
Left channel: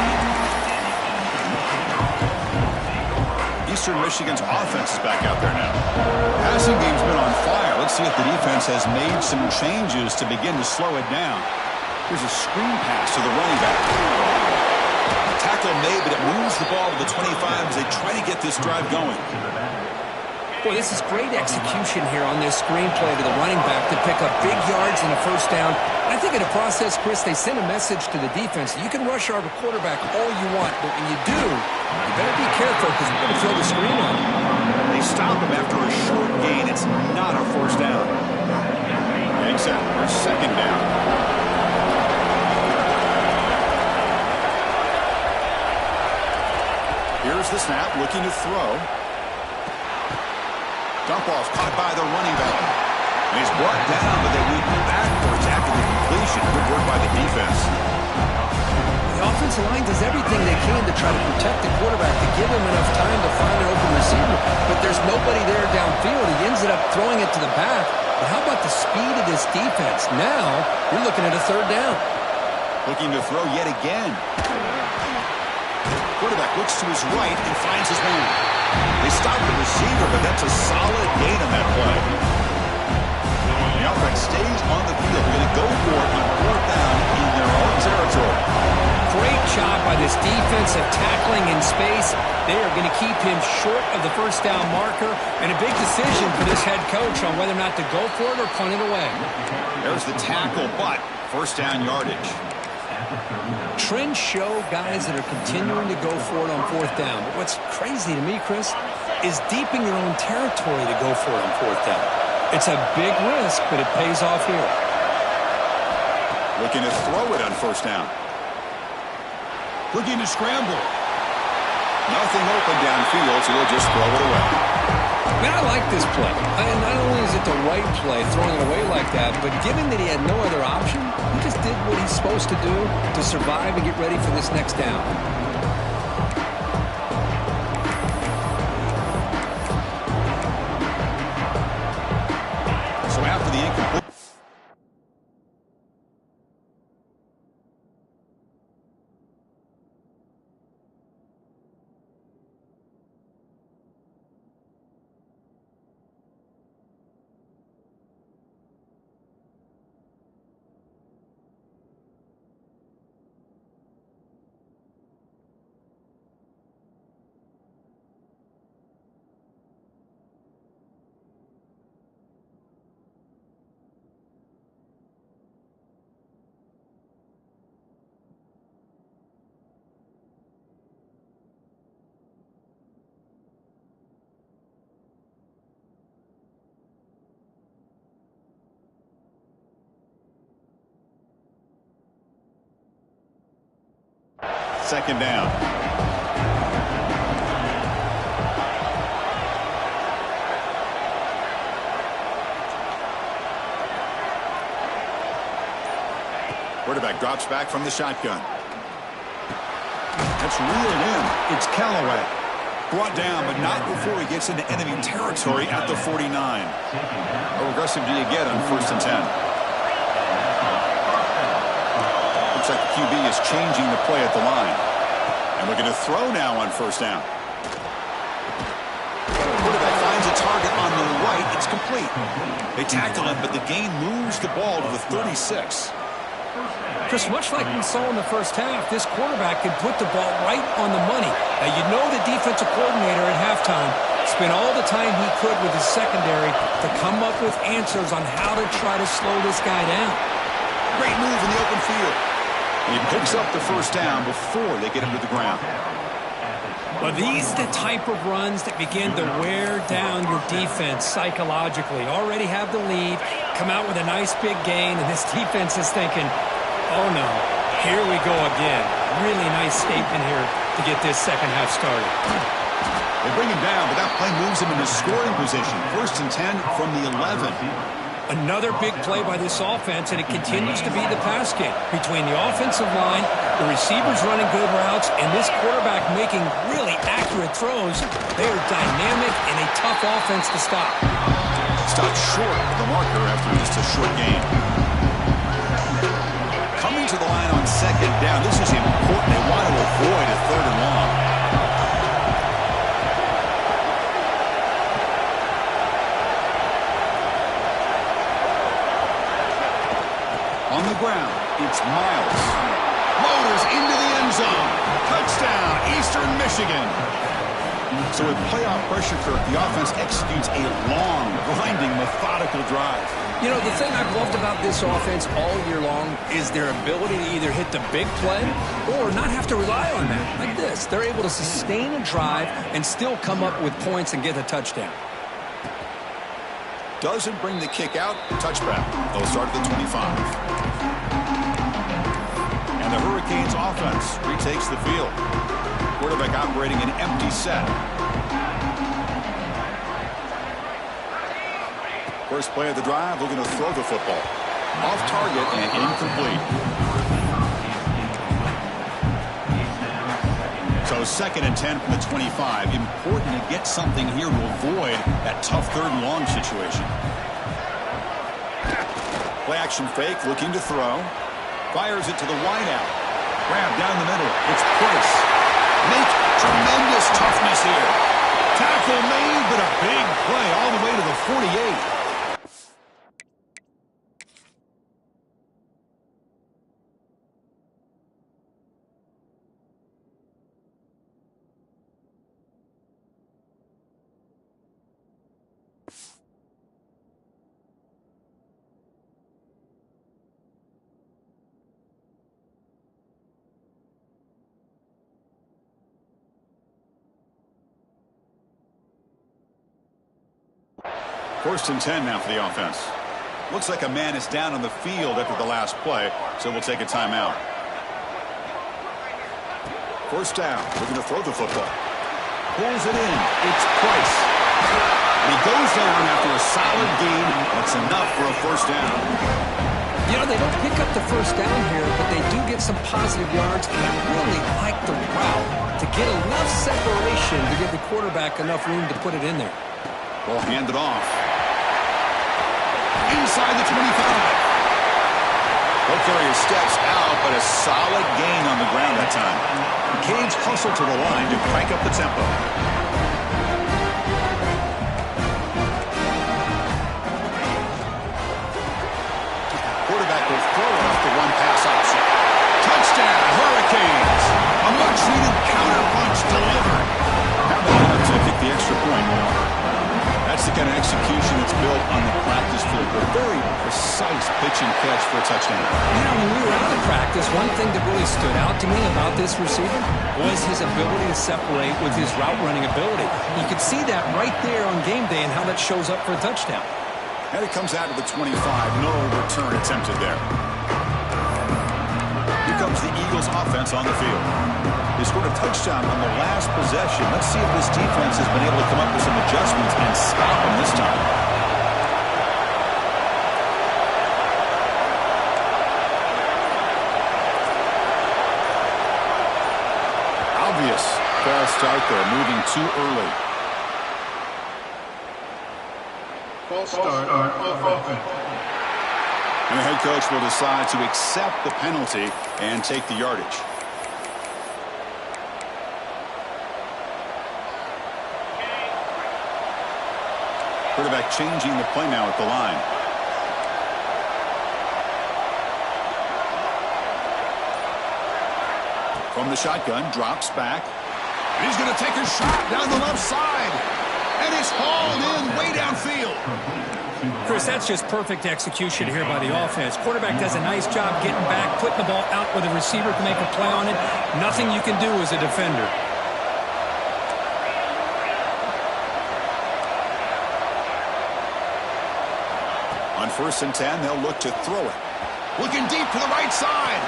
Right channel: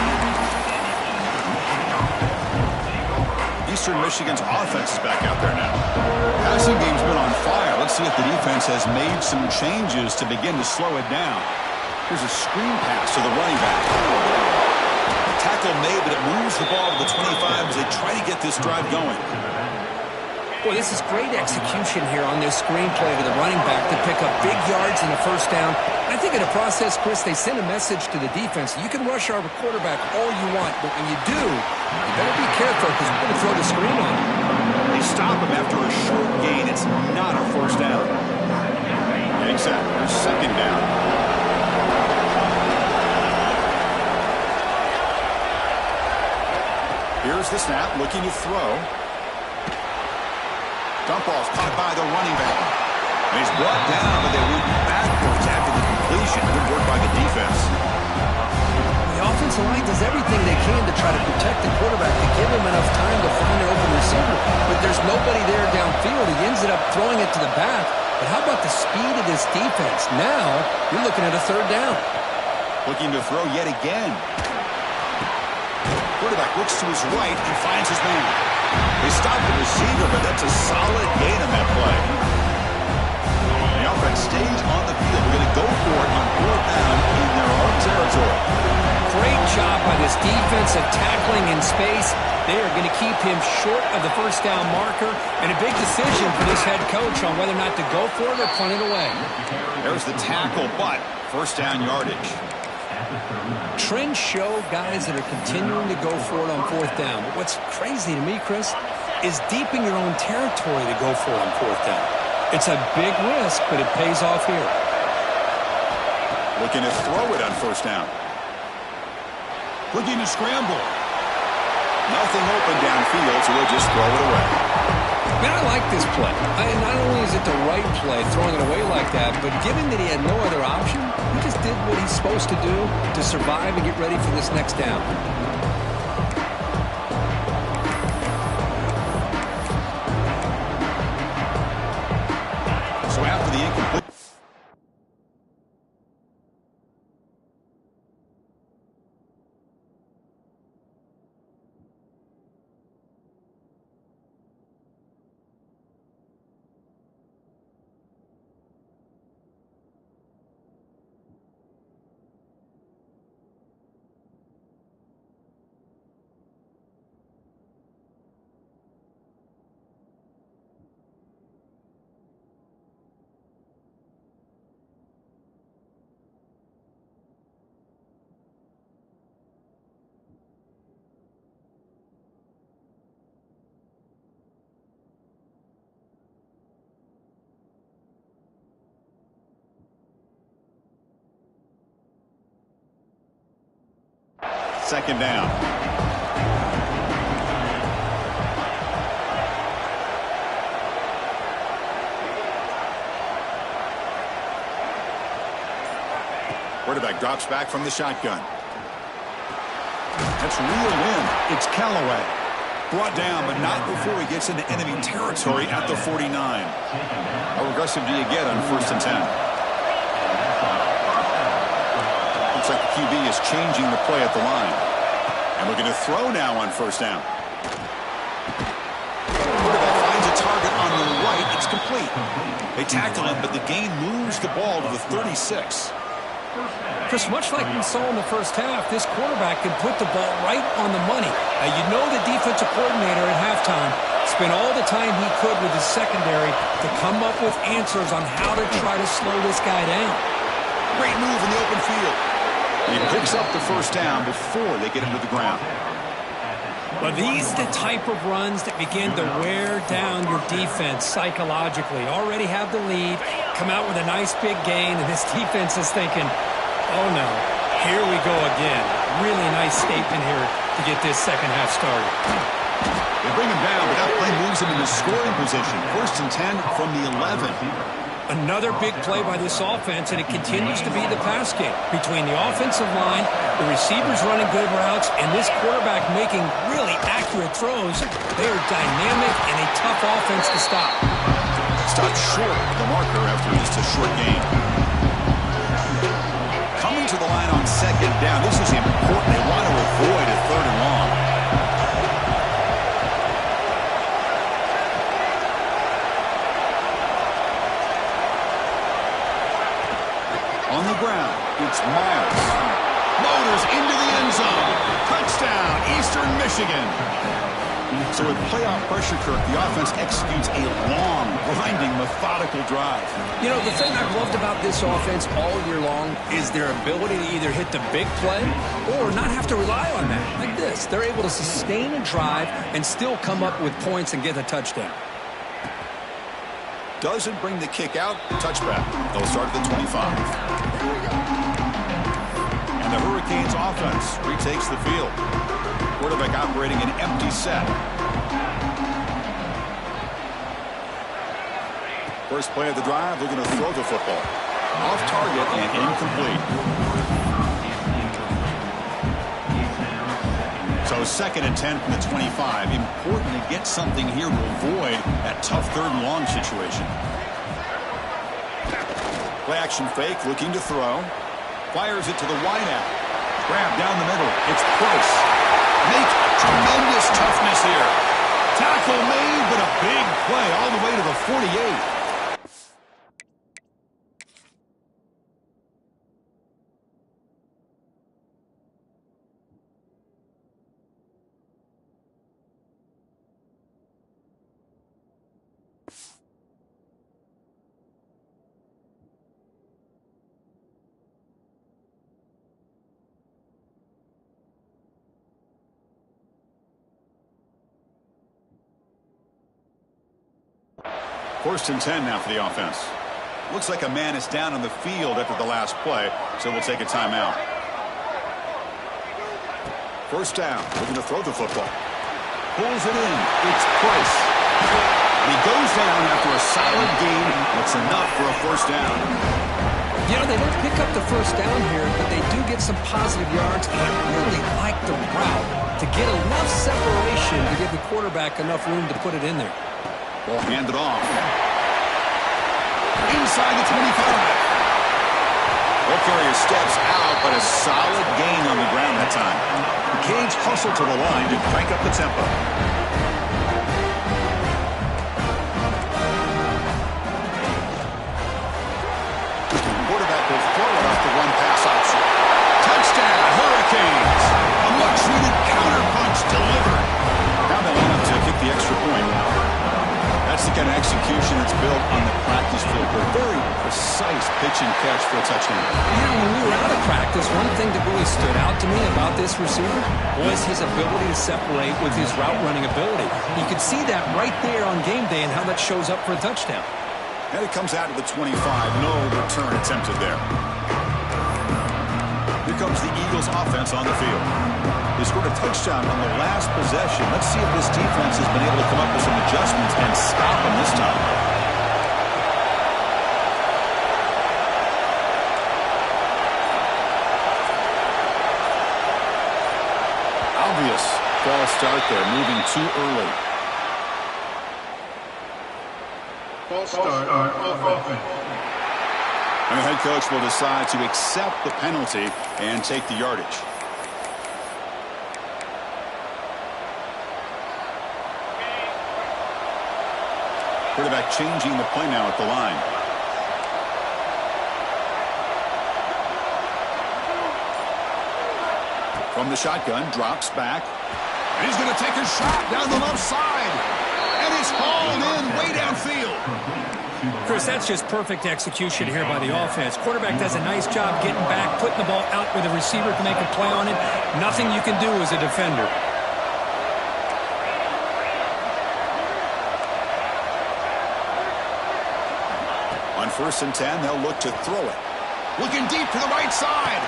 Eastern Michigan's offense is back out there now. Passing game's been on fire. Let's see if the defense has made some changes to begin to slow it down. Here's a screen pass to the running back. Tackle made, but it moves the ball to the 25 as they try to get this drive going. Boy, this is great execution here on this screenplay to the running back to pick up big yards and a first down. I think in the process, Chris, they send a message to the defense. You can rush our quarterback all you want, but when you do, you better be careful because we're going to throw the screen on him. They stop him after a short gain. It's not a first down. Getting set for second down. Here's the snap, looking to throw. Dump off caught by the running back. And he's brought down, but they went backwards after the completion. Good work by the defense. The offensive line does everything they can to try to protect the quarterback, to give him enough time to find an open receiver. But there's nobody there downfield. He ends up throwing it to the back. But how about the speed of this defense? Now you're looking at a third down. Looking to throw yet again. Quarterback looks to his right and finds his man. They stop the receiver, but that's a solid gain on that play. The offense stays on the field. They're going to go for it on fourth down in their own territory. Great job by this defensive tackling in space. They are going to keep him short of the first down marker, and a big decision for this head coach on whether or not to go for it or punt it away. There's the tackle, but first down yardage. Trends show guys that are continuing to go for it on fourth down. But what's crazy to me, Chris, is deep in your own territory to go for it on fourth down. It's a big risk, but it pays off here. Looking to throw it on first down. Looking to scramble. Nothing open downfield, so he'll just throw it away. Man, I like this play. And not only is it the right play, throwing it away like that, but given that he had no other option, he just did what he's supposed to do to survive and get ready for this next down. So after the incomplete... Second down. Quarterback drops back from the shotgun. That's reeled in. It's Callaway. Brought down, but not before he gets into enemy territory at the 49. How aggressive do you get on 1st and 10? Looks like the QB is changing the play at the line. And looking to throw now on first down. Quarterback finds a target on the right. It's complete. They tackle him, but the gain moves the ball to the 36. Chris, much like we saw in the first half, this quarterback can put the ball right on the money. Now, you know the defensive coordinator at halftime spent all the time he could with his secondary to come up with answers on how to try to slow this guy down. Great move in the open field. He picks up the first down before they get him to the ground. Well, these are the type of runs that begin to wear down your defense psychologically. Already have the lead, come out with a nice big gain, and this defense is thinking, oh no, here we go again. Really nice statement here to get this second half started. They bring him down, but that play moves him into scoring position. 1st and 10 from the 11. Another big play by this offense, and it continues to be the pass game between the offensive line, the receivers running good routes, and this quarterback making really accurate throws. They are dynamic and a tough offense to stop. Stopped short of the marker after just a short gain. Coming to the line on second down. This is important. They want to avoid a 3rd and long. On the ground, it's Miles. Motors into the end zone. Touchdown, Eastern Michigan. So with playoff pressure, Kirk, the offense executes a long, grinding, methodical drive. You know, the thing I've loved about this offense all year long is their ability to either hit the big play or not have to rely on that. Like this, they're able to sustain a drive and still come up with points and get a touchdown. Doesn't bring the kick out. Touchback. They'll start at the 25. And the Hurricanes offense retakes the field. Quarterback operating an empty set. First play of the drive, looking to throw the football. Off target and incomplete. So 2nd and 10 from the 25. Important to get something here to avoid that tough 3rd and long situation. Play action fake, looking to throw. Fires it to the wideout. Grab down the middle. It's Price. Make tremendous toughness here. Tackle made, but a big play all the way to the 48. First and 10 now for the offense. Looks like a man is down on the field after the last play, so we'll take a timeout. First down, looking to throw the football. Pulls it in. It's Price. And he goes down after a solid gain. That's enough for a first down. You know, they don't pick up the first down here, but they do get some positive yards, and I really like the route to get enough separation to give the quarterback enough room to put it in there. Ball handed off. Inside the 25. Ball carrier steps out, but a solid gain on the ground that time. The Canes hustle to the line to crank up the tempo. Quarterback will throw it off the run-pass option. Touchdown, Hurricanes! A much-needed counter-punch delivered. Now they line up to kick the extra point. That's the kind of execution that's built on the practice field. A very precise pitch and catch for a touchdown. You know, when we were out of practice, one thing that really stood out to me about this receiver was his ability to separate with his route running ability. You could see that right there on game day and how that shows up for a touchdown. And it comes out of the 25. No return attempted there. Here comes the Eagles offense on the field. They scored a touchdown on the last possession. Let's see if this defense has been able to come up with some adjustments and stop them this time. Obvious false start there, moving too early. False start on offense. And the head coach will decide to accept the penalty and take the yardage. Quarterback changing the play now at the line. From the shotgun, drops back. And he's going to take a shot down the left side. And it's hauled in way downfield. Chris, that's just perfect execution here by the offense. Quarterback does a nice job getting back, putting the ball out where the receiver can make a play on it. Nothing you can do as a defender. On 1st and 10, they'll look to throw it. Looking deep to the right side.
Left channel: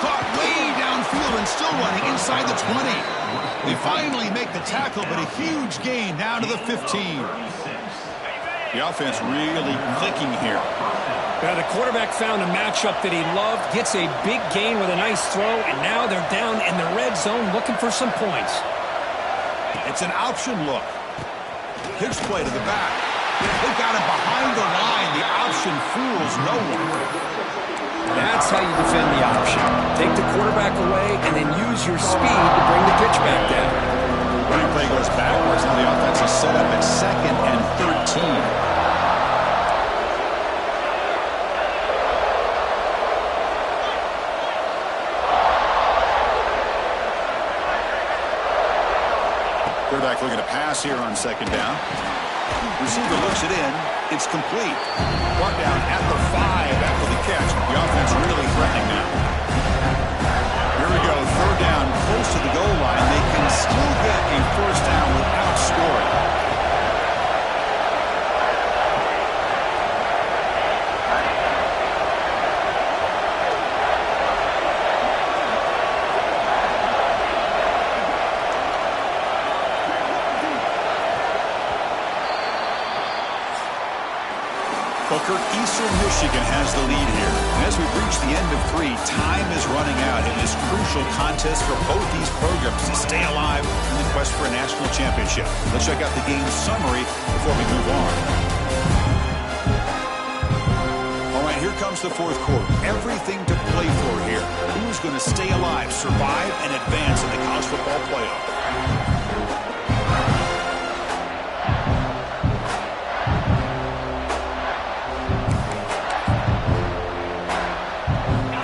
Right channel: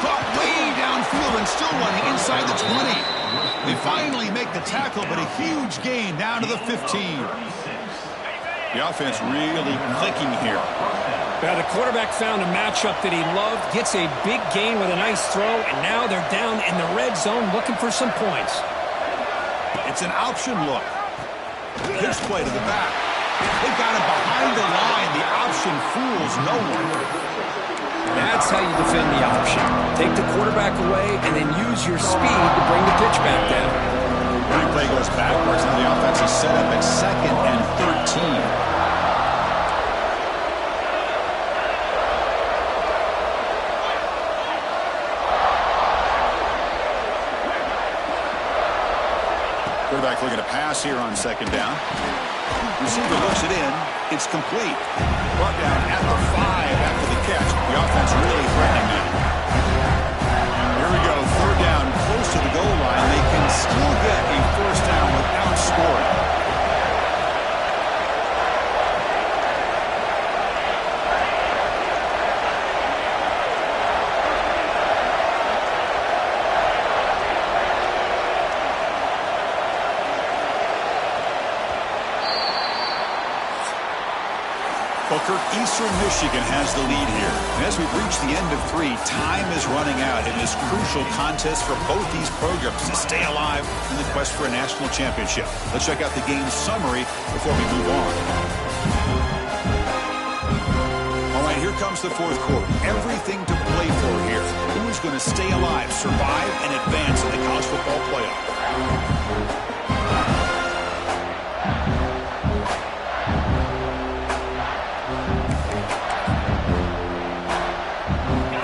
Caught way downfield and still running inside the 20. They finally make the tackle, but a huge gain down to the 15. The offense really clicking here. Well, the quarterback found a matchup that he loved, gets a big gain with a nice throw, and now they're down in the red zone looking for some points. It's an option look. Pitch play to the back. They've got him behind the line. The option fools no one. That's how you defend the option. Take the quarterback away and then use your speed to bring the pitch back down. Running play goes backwards. Now the offense is set up at 2nd and 13. Quarterback looking to pass here on second down. Receiver looks it in. It's complete. Brought down at the 5 after the catch. The offense really threatening now. Here we go. Third down, close to the goal line. They can still get a first down without scoring. Booker, Eastern Michigan has the lead here. And as we've reached the end of 3, time is running out in this crucial contest for both these programs to stay alive in the quest for a national championship. Let's check out the game summary before we move on. All right, here comes the fourth quarter. Everything to play for here. Who is going to stay alive, survive, and advance in the college football playoff?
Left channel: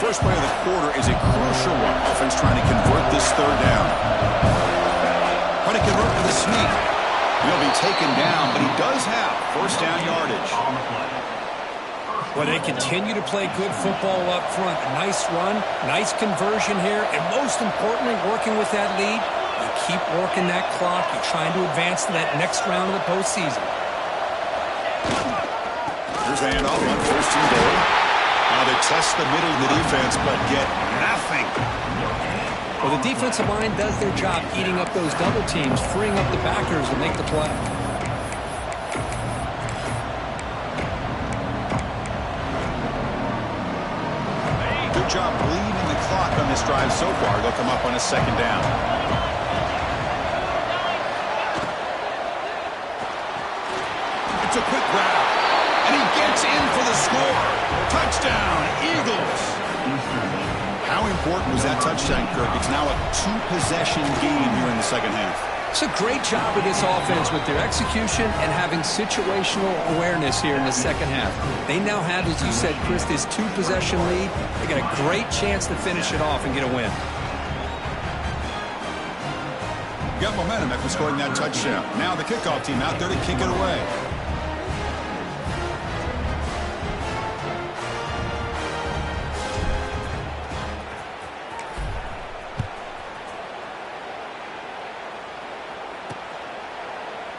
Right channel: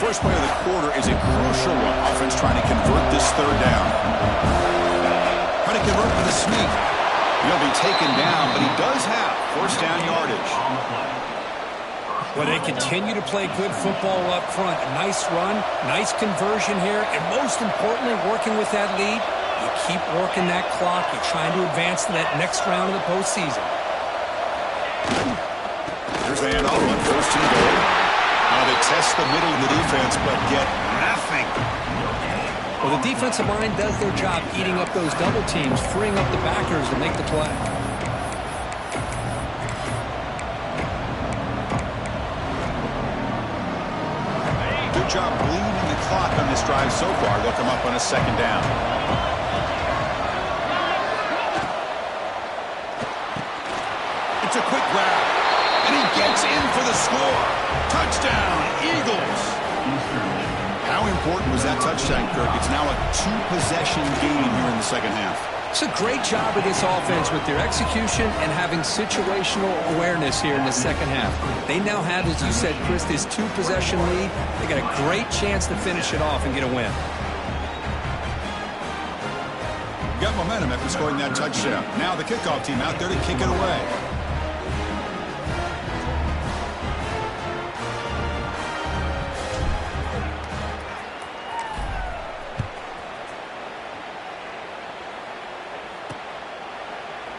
First play of the quarter is a crucial one. Offense trying to convert this third down. Trying to convert with a sneak. He'll be taken down, but he does have first down yardage. Well, they continue to play good football up front. A nice run, nice conversion here, and most importantly, working with that lead, you keep working that clock. You're trying to advance to that next round of the postseason. Here's the handoff on first and goal. They test the middle of the defense, but get nothing. Well, the defensive line does their job eating up those double teams, freeing up the backers to make the play. Good job bleeding the clock on this drive so far. They'll come up on a second down. It's a quick grab. And he gets in for the score. Touchdown, Eagles. How important was that touchdown, Kirk? It's now a 2-possession game here in the second half. It's a great job of this offense with their execution and having situational awareness here in the second half. They now have, as you said, Chris, this 2-possession lead. They got a great chance to finish it off and get a win. Got momentum after scoring that touchdown. Now the kickoff team out there to kick it away.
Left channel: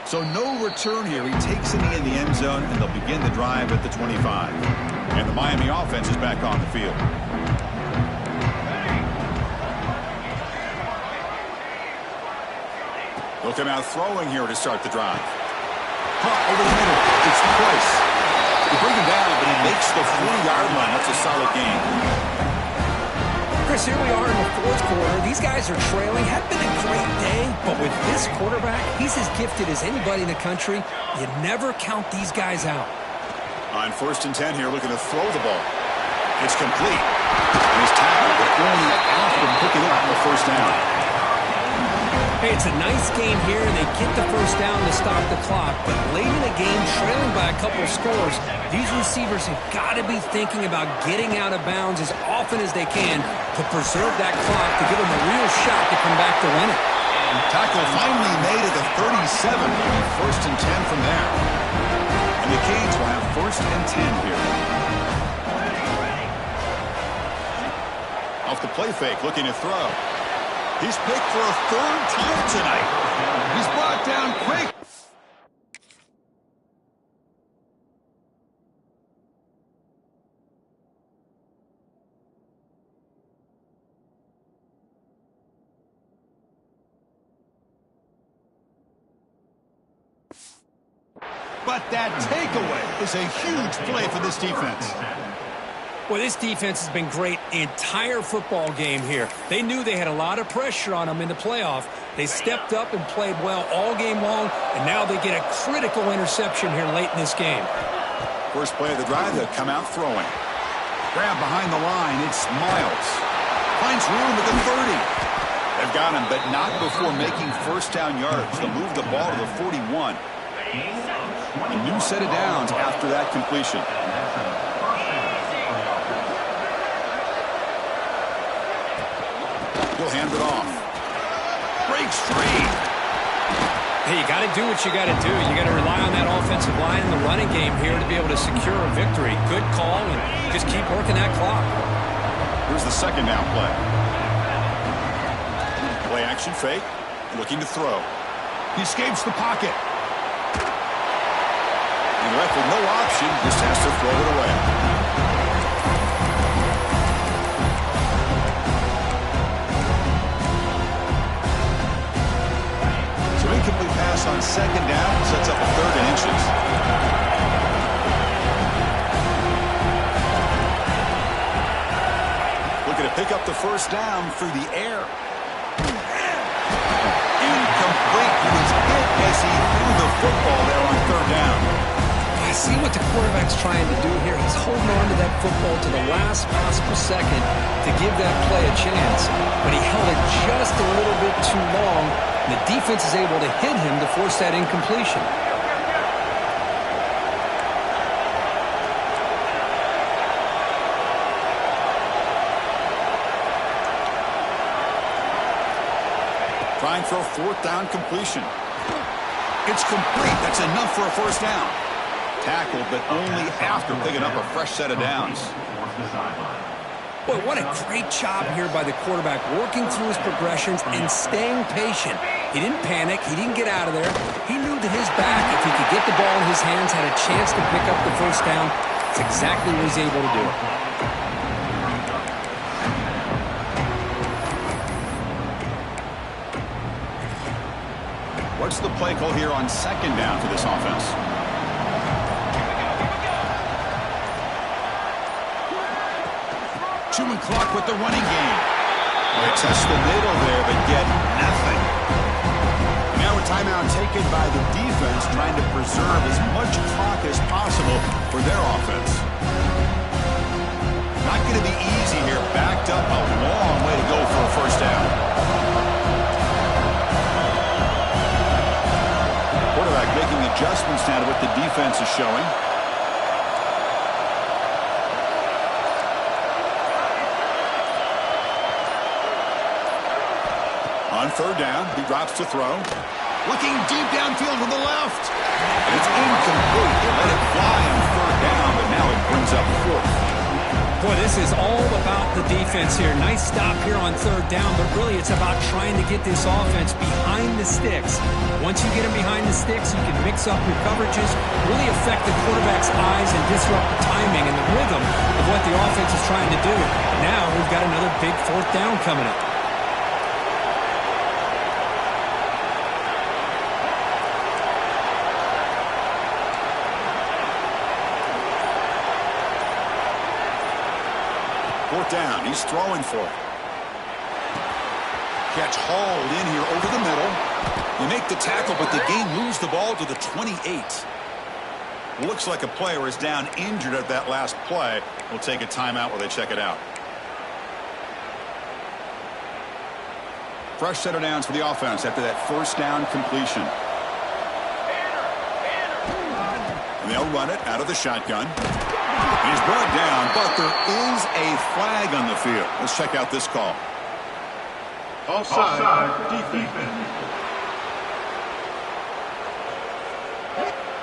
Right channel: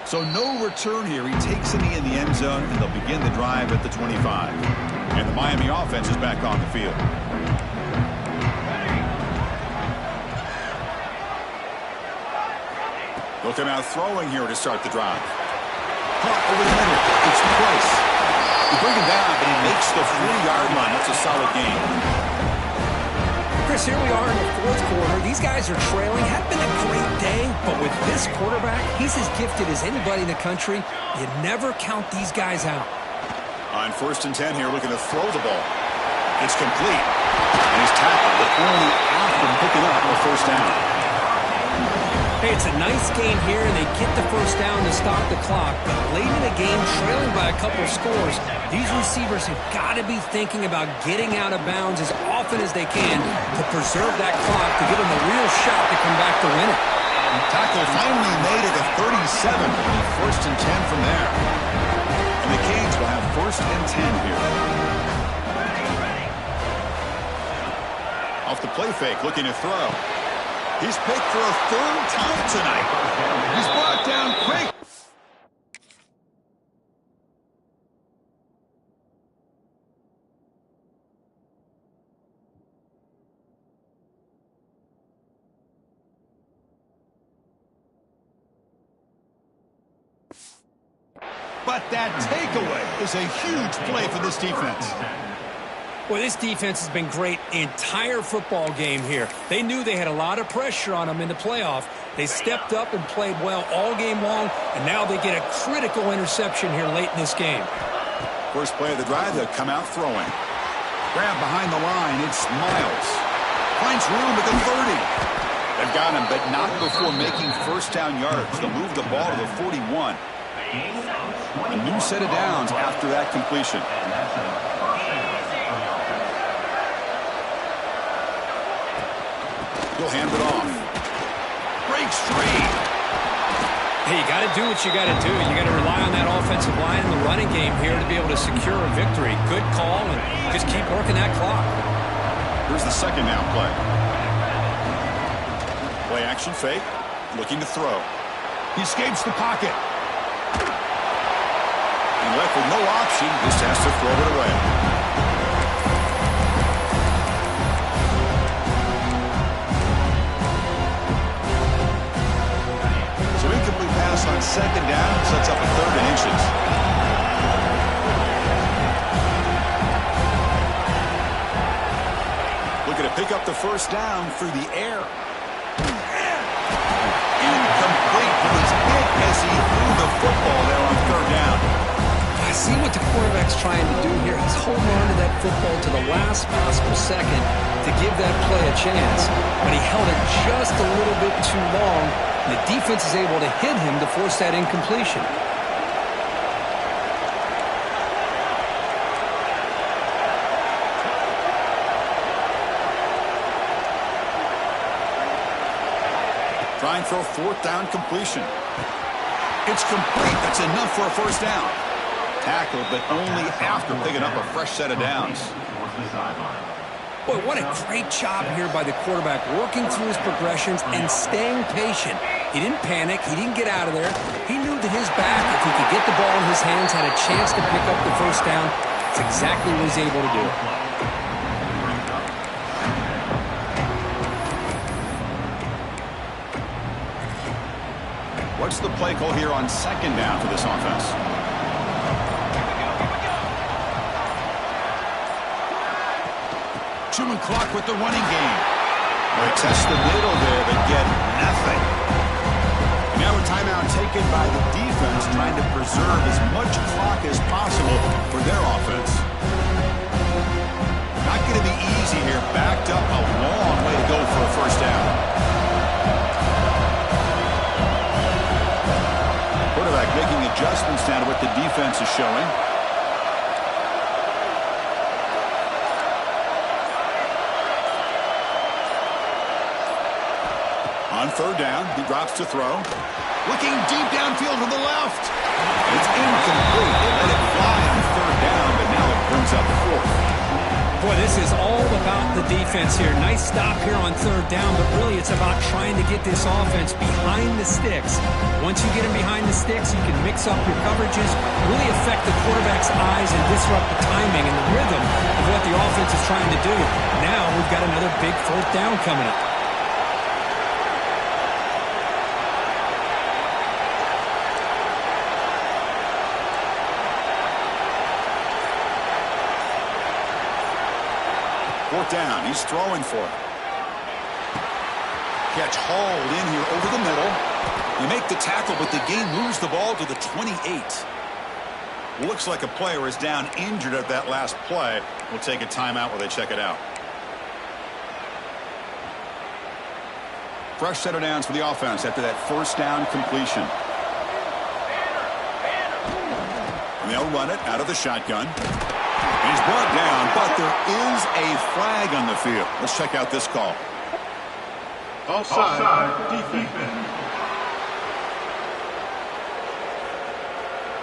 So no return here. He takes it in the end zone, and they'll begin the drive at the 25. And the Miami offense is back on the field. They'll come out throwing here to start the drive. Caught over the middle. It's Price. He brings him down, but he makes the 40-yard line. That's a solid game. Chris, here we are in the fourth quarter. These guys are trailing. Had been a great day, but with this quarterback, he's as gifted as anybody in the country. You never count these guys out. On first and 10 here, looking to throw the ball. It's complete. And he's tackled, but only after picking up a first down. Hey, it's a nice game here, and they get the first down to stop the clock. But late in the game, trailing by a couple scores, these receivers have got to be thinking about getting out of bounds as often as they can to preserve that clock to give them a real shot to come back to win it. Tackle finally made at the 37. It'll be first and 10 from there. And the Canes will have first and 10 here. Off the play fake, looking to throw. He's picked for a third time tonight. He's brought down quick. But that takeaway is a huge play for this defense. Well, this defense has been great the entire football game here. They knew they had a lot of pressure on them in the playoff. They stepped up and played well all game long, and now they get a critical interception here late in this game. First play of the drive, they'll come out throwing. Grab behind the line, it's Miles. Finds room at the 30. They've got him, but not before making first down yards. They'll move the ball to the 41. A new set of downs after that completion. He'll hand it off. Breaks free. Hey, you got to do what you got to do. You got to rely on that offensive line and the running game here to be able to secure a victory. Good call, and just keep working that clock. Here's the second down play. Play action fake, looking to throw. He escapes the pocket. And left with no option, just has to throw it away. So incomplete pass on second down, sets up a 3rd and inches. Looking to pick up the first down through the air. Incomplete. He was hit as he threw the football there on 3rd down. I see what the quarterback's trying to do here. He's holding on to that football to the last possible second to give that play a chance. But he held it just a little bit too long. And the defense is able to hit him to force that incompletion. Trying for a 4th down completion. It's complete. That's enough for a first down. Tackled, but only after picking up a fresh set of downs. Boy, what a great job here by the quarterback, working through his progressions and staying patient. He didn't panic. He didn't get out of there. He knew that his back, if he could get the ball in his hands, had a chance to pick up the first down. That's exactly what he's able to do. What's the play call here on second down for this offense? Chewing clock with the running game. Well, they test the middle there, but get nothing. And now a timeout taken by the defense, trying to preserve as much clock as possible for their offense. Not going to be easy here. Backed up a long way to go for a first down. Quarterback making adjustments now to what the defense is showing. On 3rd down, he drops to throw. Looking deep downfield to the left. And it's incomplete. They let it fly on 3rd down, but now it brings up 4th. Boy, this is all about the defense here. Nice stop here on 3rd down, but really it's about trying to get this offense behind the sticks. Once you get them behind the sticks, you can mix up your coverages, really affect the quarterback's eyes and disrupt the timing and the rhythm of what the offense is trying to do. Now we've got another big 4th down coming up. Fourth down, he's throwing for it. Catch hauled in here over the middle. They make the tackle, but the game moves the ball to the 28. Looks like a player is down injured at that last play. We'll take a timeout while they check it out. Fresh set of downs for the offense after that first down completion. And they'll run it out of the shotgun. He's brought down, but there is a flag on the field. Let's check out this call. Offside, defense.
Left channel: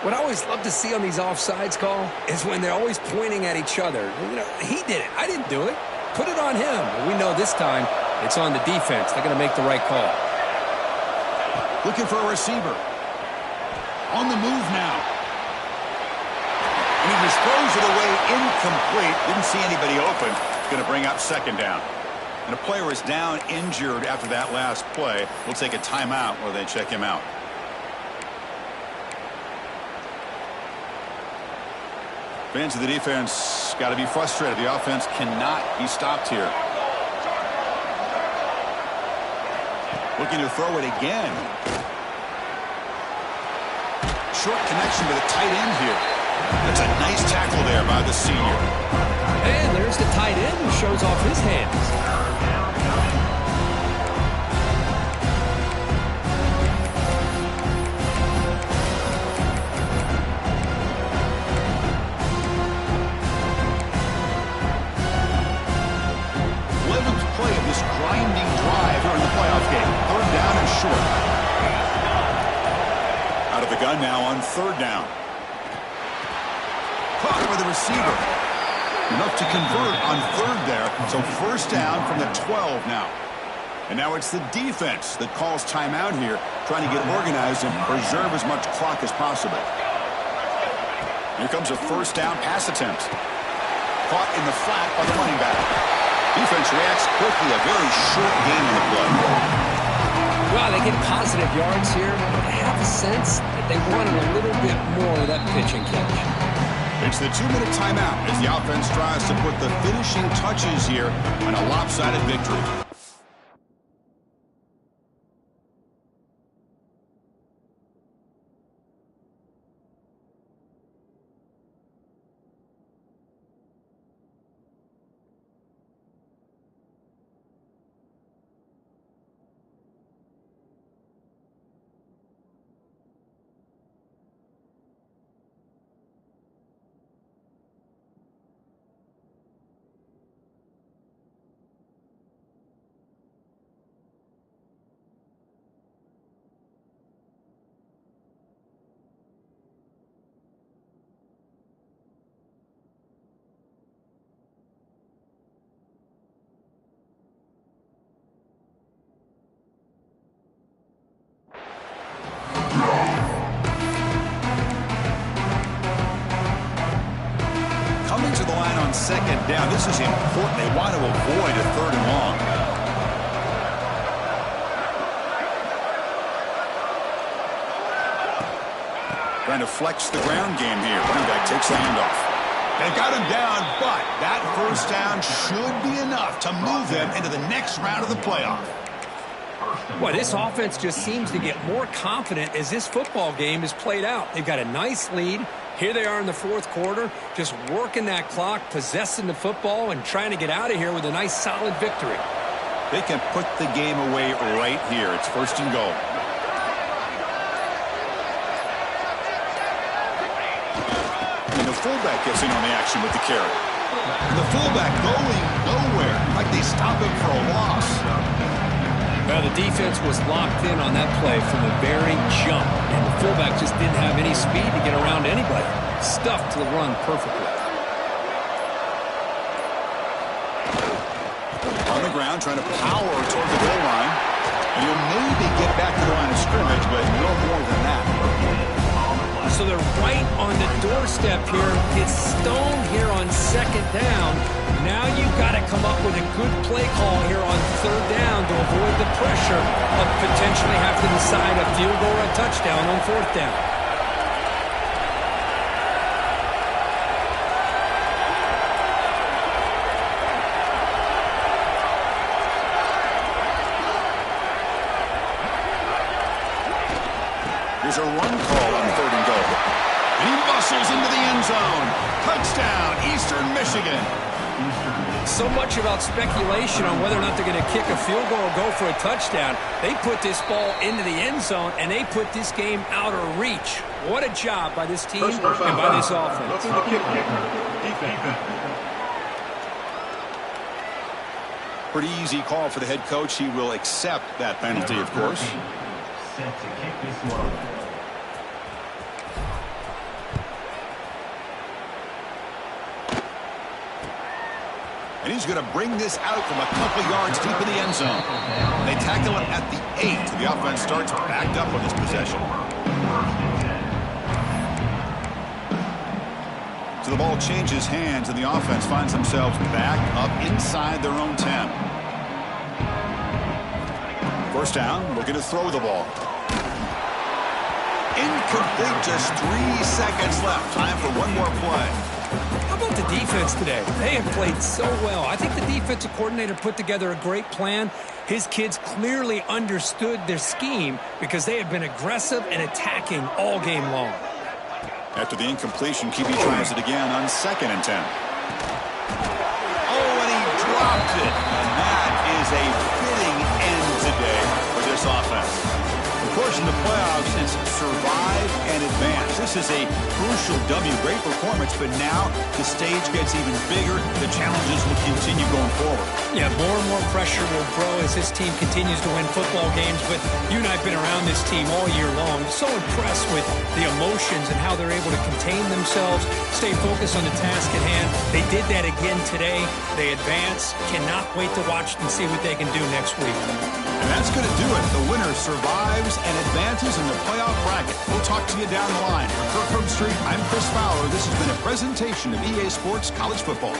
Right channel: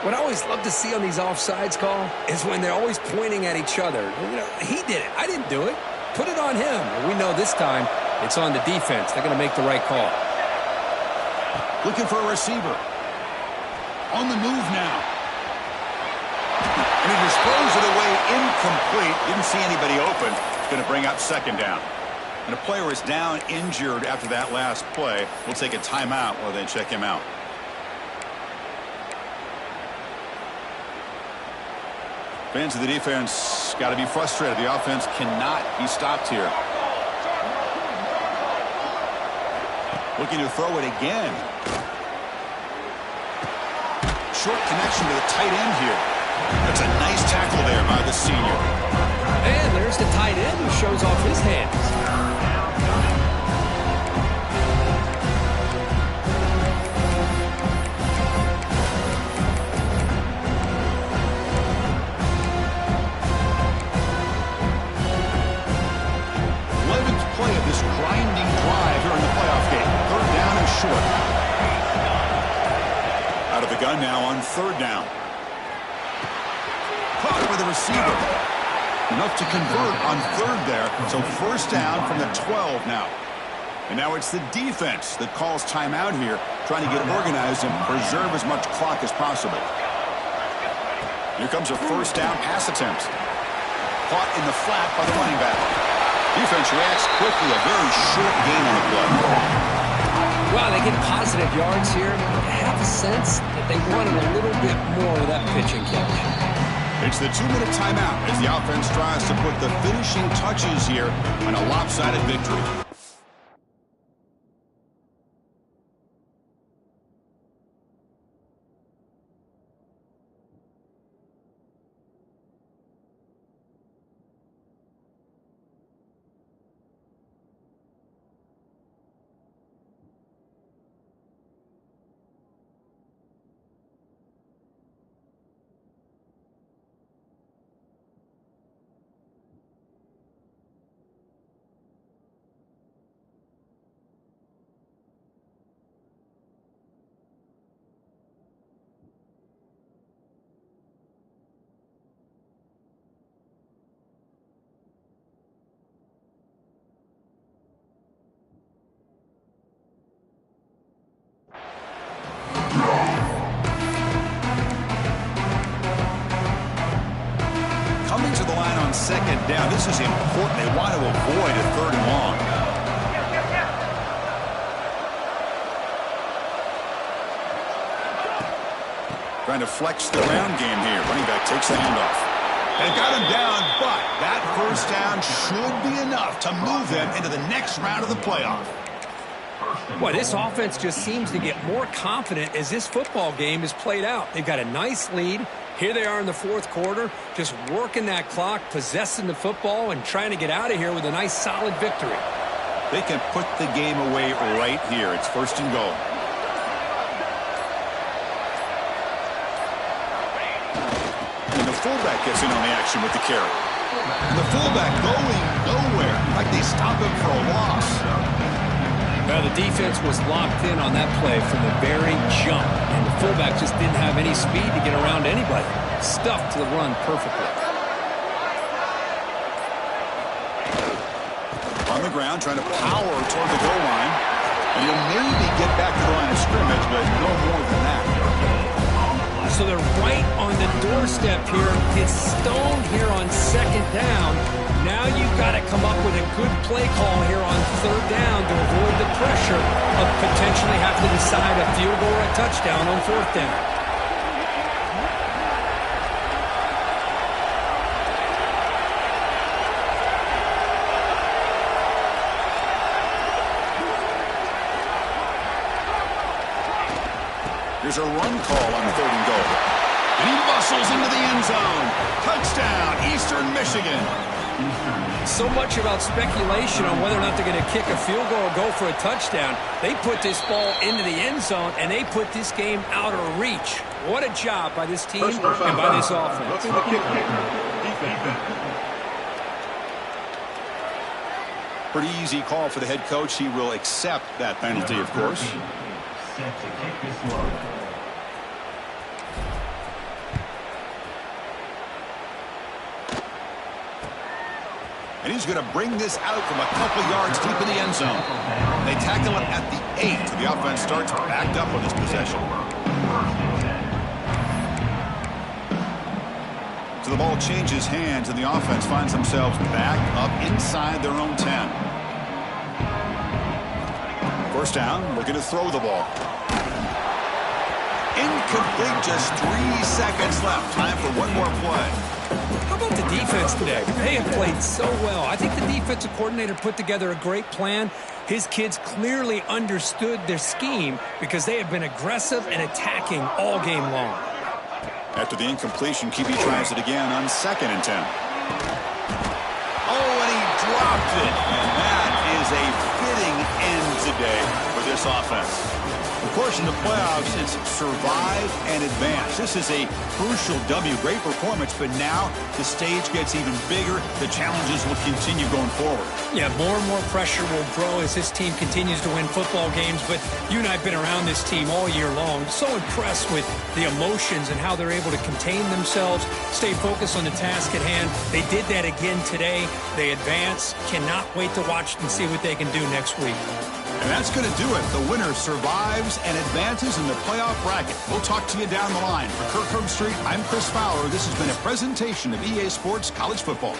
What I always love to see on these offsides call is when they're always pointing at each other. You know, he did it. I didn't do it. Put it on him. We know this time it's on the defense. They're going to make the right call. Looking for a receiver. On the move now. And he disposed it away incomplete. Didn't see anybody open. It's going to bring up second down. And a player is down injured after that last play. We'll take a timeout while they check him out. Fans of the defense got to be frustrated. The offense cannot be stopped here. Looking to throw it again. Short connection to the tight end here. That's a nice tackle there by the senior. And there's the tight end who shows off his hands. Play of this grinding drive here in the playoff game. 3rd down and short. Out of the gun now on 3rd down. Caught by the receiver. Enough to convert on 3rd there. So 1st down from the 12 now. And now it's the defense that calls timeout here, trying to get organized and preserve as much clock as possible. Here comes a 1st down pass attempt. Caught in the flat by the running back. Defense reacts quickly. A very short gain on the play. Well, they get positive yards here. I have a sense that they wanted a little bit more of that pitch and catch. It's the 2-minute timeout as the offense tries to put the finishing touches here on a lopsided victory. Coming to the line on 2nd down. This is important. They want to avoid a 3rd and long. Trying to flex the ground game here. Running back takes the handoff. They've got him down, but that 1st down should be enough to move them into the next round of the playoff. Well, this offense just seems to get more confident as this football game is played out. They've got a nice lead. Here they are in the 4th quarter, just working that clock, possessing the football, and trying to get out of here with a nice, solid victory. They can put the game away right here. It's 1st and goal. And the fullback gets in on the action with the carry. And the fullback going nowhere, like they stop him for a loss. Well, the defense was locked in on that play from the very jump, and the fullback just didn't have any speed to get around anybody. Stuffed the run perfectly. On the ground, trying to power toward the goal line. And he'll maybe get back to the line of scrimmage, but no more than that. So they're right on the doorstep here. It's stoned here on 2nd down. Now you've got to come up with a good play call here on 3rd down to avoid the pressure of potentially having to decide a field goal or a touchdown on 4th down. Here's a run call on 3rd and goal. And he muscles into the end zone. Touchdown, Eastern Michigan. So much about speculation on whether or not they're going to kick a field goal or go for a touchdown. They put this ball into the end zone, and they put this game out of reach. What a job by this team and by this offense. Looking to kick kicker. Defense. Pretty easy call for the head coach. He will accept that penalty, of course. Set to kick this one. And he's going to bring this out from a couple yards deep in the end zone. They tackle him at the 8. The offense starts backed up on this possession. So the ball changes hands, and the offense finds themselves back up inside their own 10. 1st down, looking to throw the ball. Incomplete, just 3 seconds left. Time for one more play. How about the defense today? They have played so well. I think the defensive coordinator put together a great plan. His kids clearly understood their scheme because they have been aggressive and attacking all game long. After the incompletion, QB tries it again on 2nd and 10. Oh, and he dropped it. And that is a fitting end today for this offense. Of course, in the playoffs, it's survive and advance. This is a crucial W. Great performance, but now the stage gets even bigger. The challenges will continue going forward. Yeah, more and more pressure will grow as this team continues to win football games. But you and I have been around this team all year long. So impressed with the emotions and how they're able to contain themselves, stay focused on the task at hand. They did that again today. They advance. Cannot wait to watch and see what they can do next week. And that's going to do it. The winner survives and advances in the playoff bracket. We'll talk to you down the line. For Kirk Herbstreit, I'm Chris Fowler. This has been a presentation of EA Sports College Football.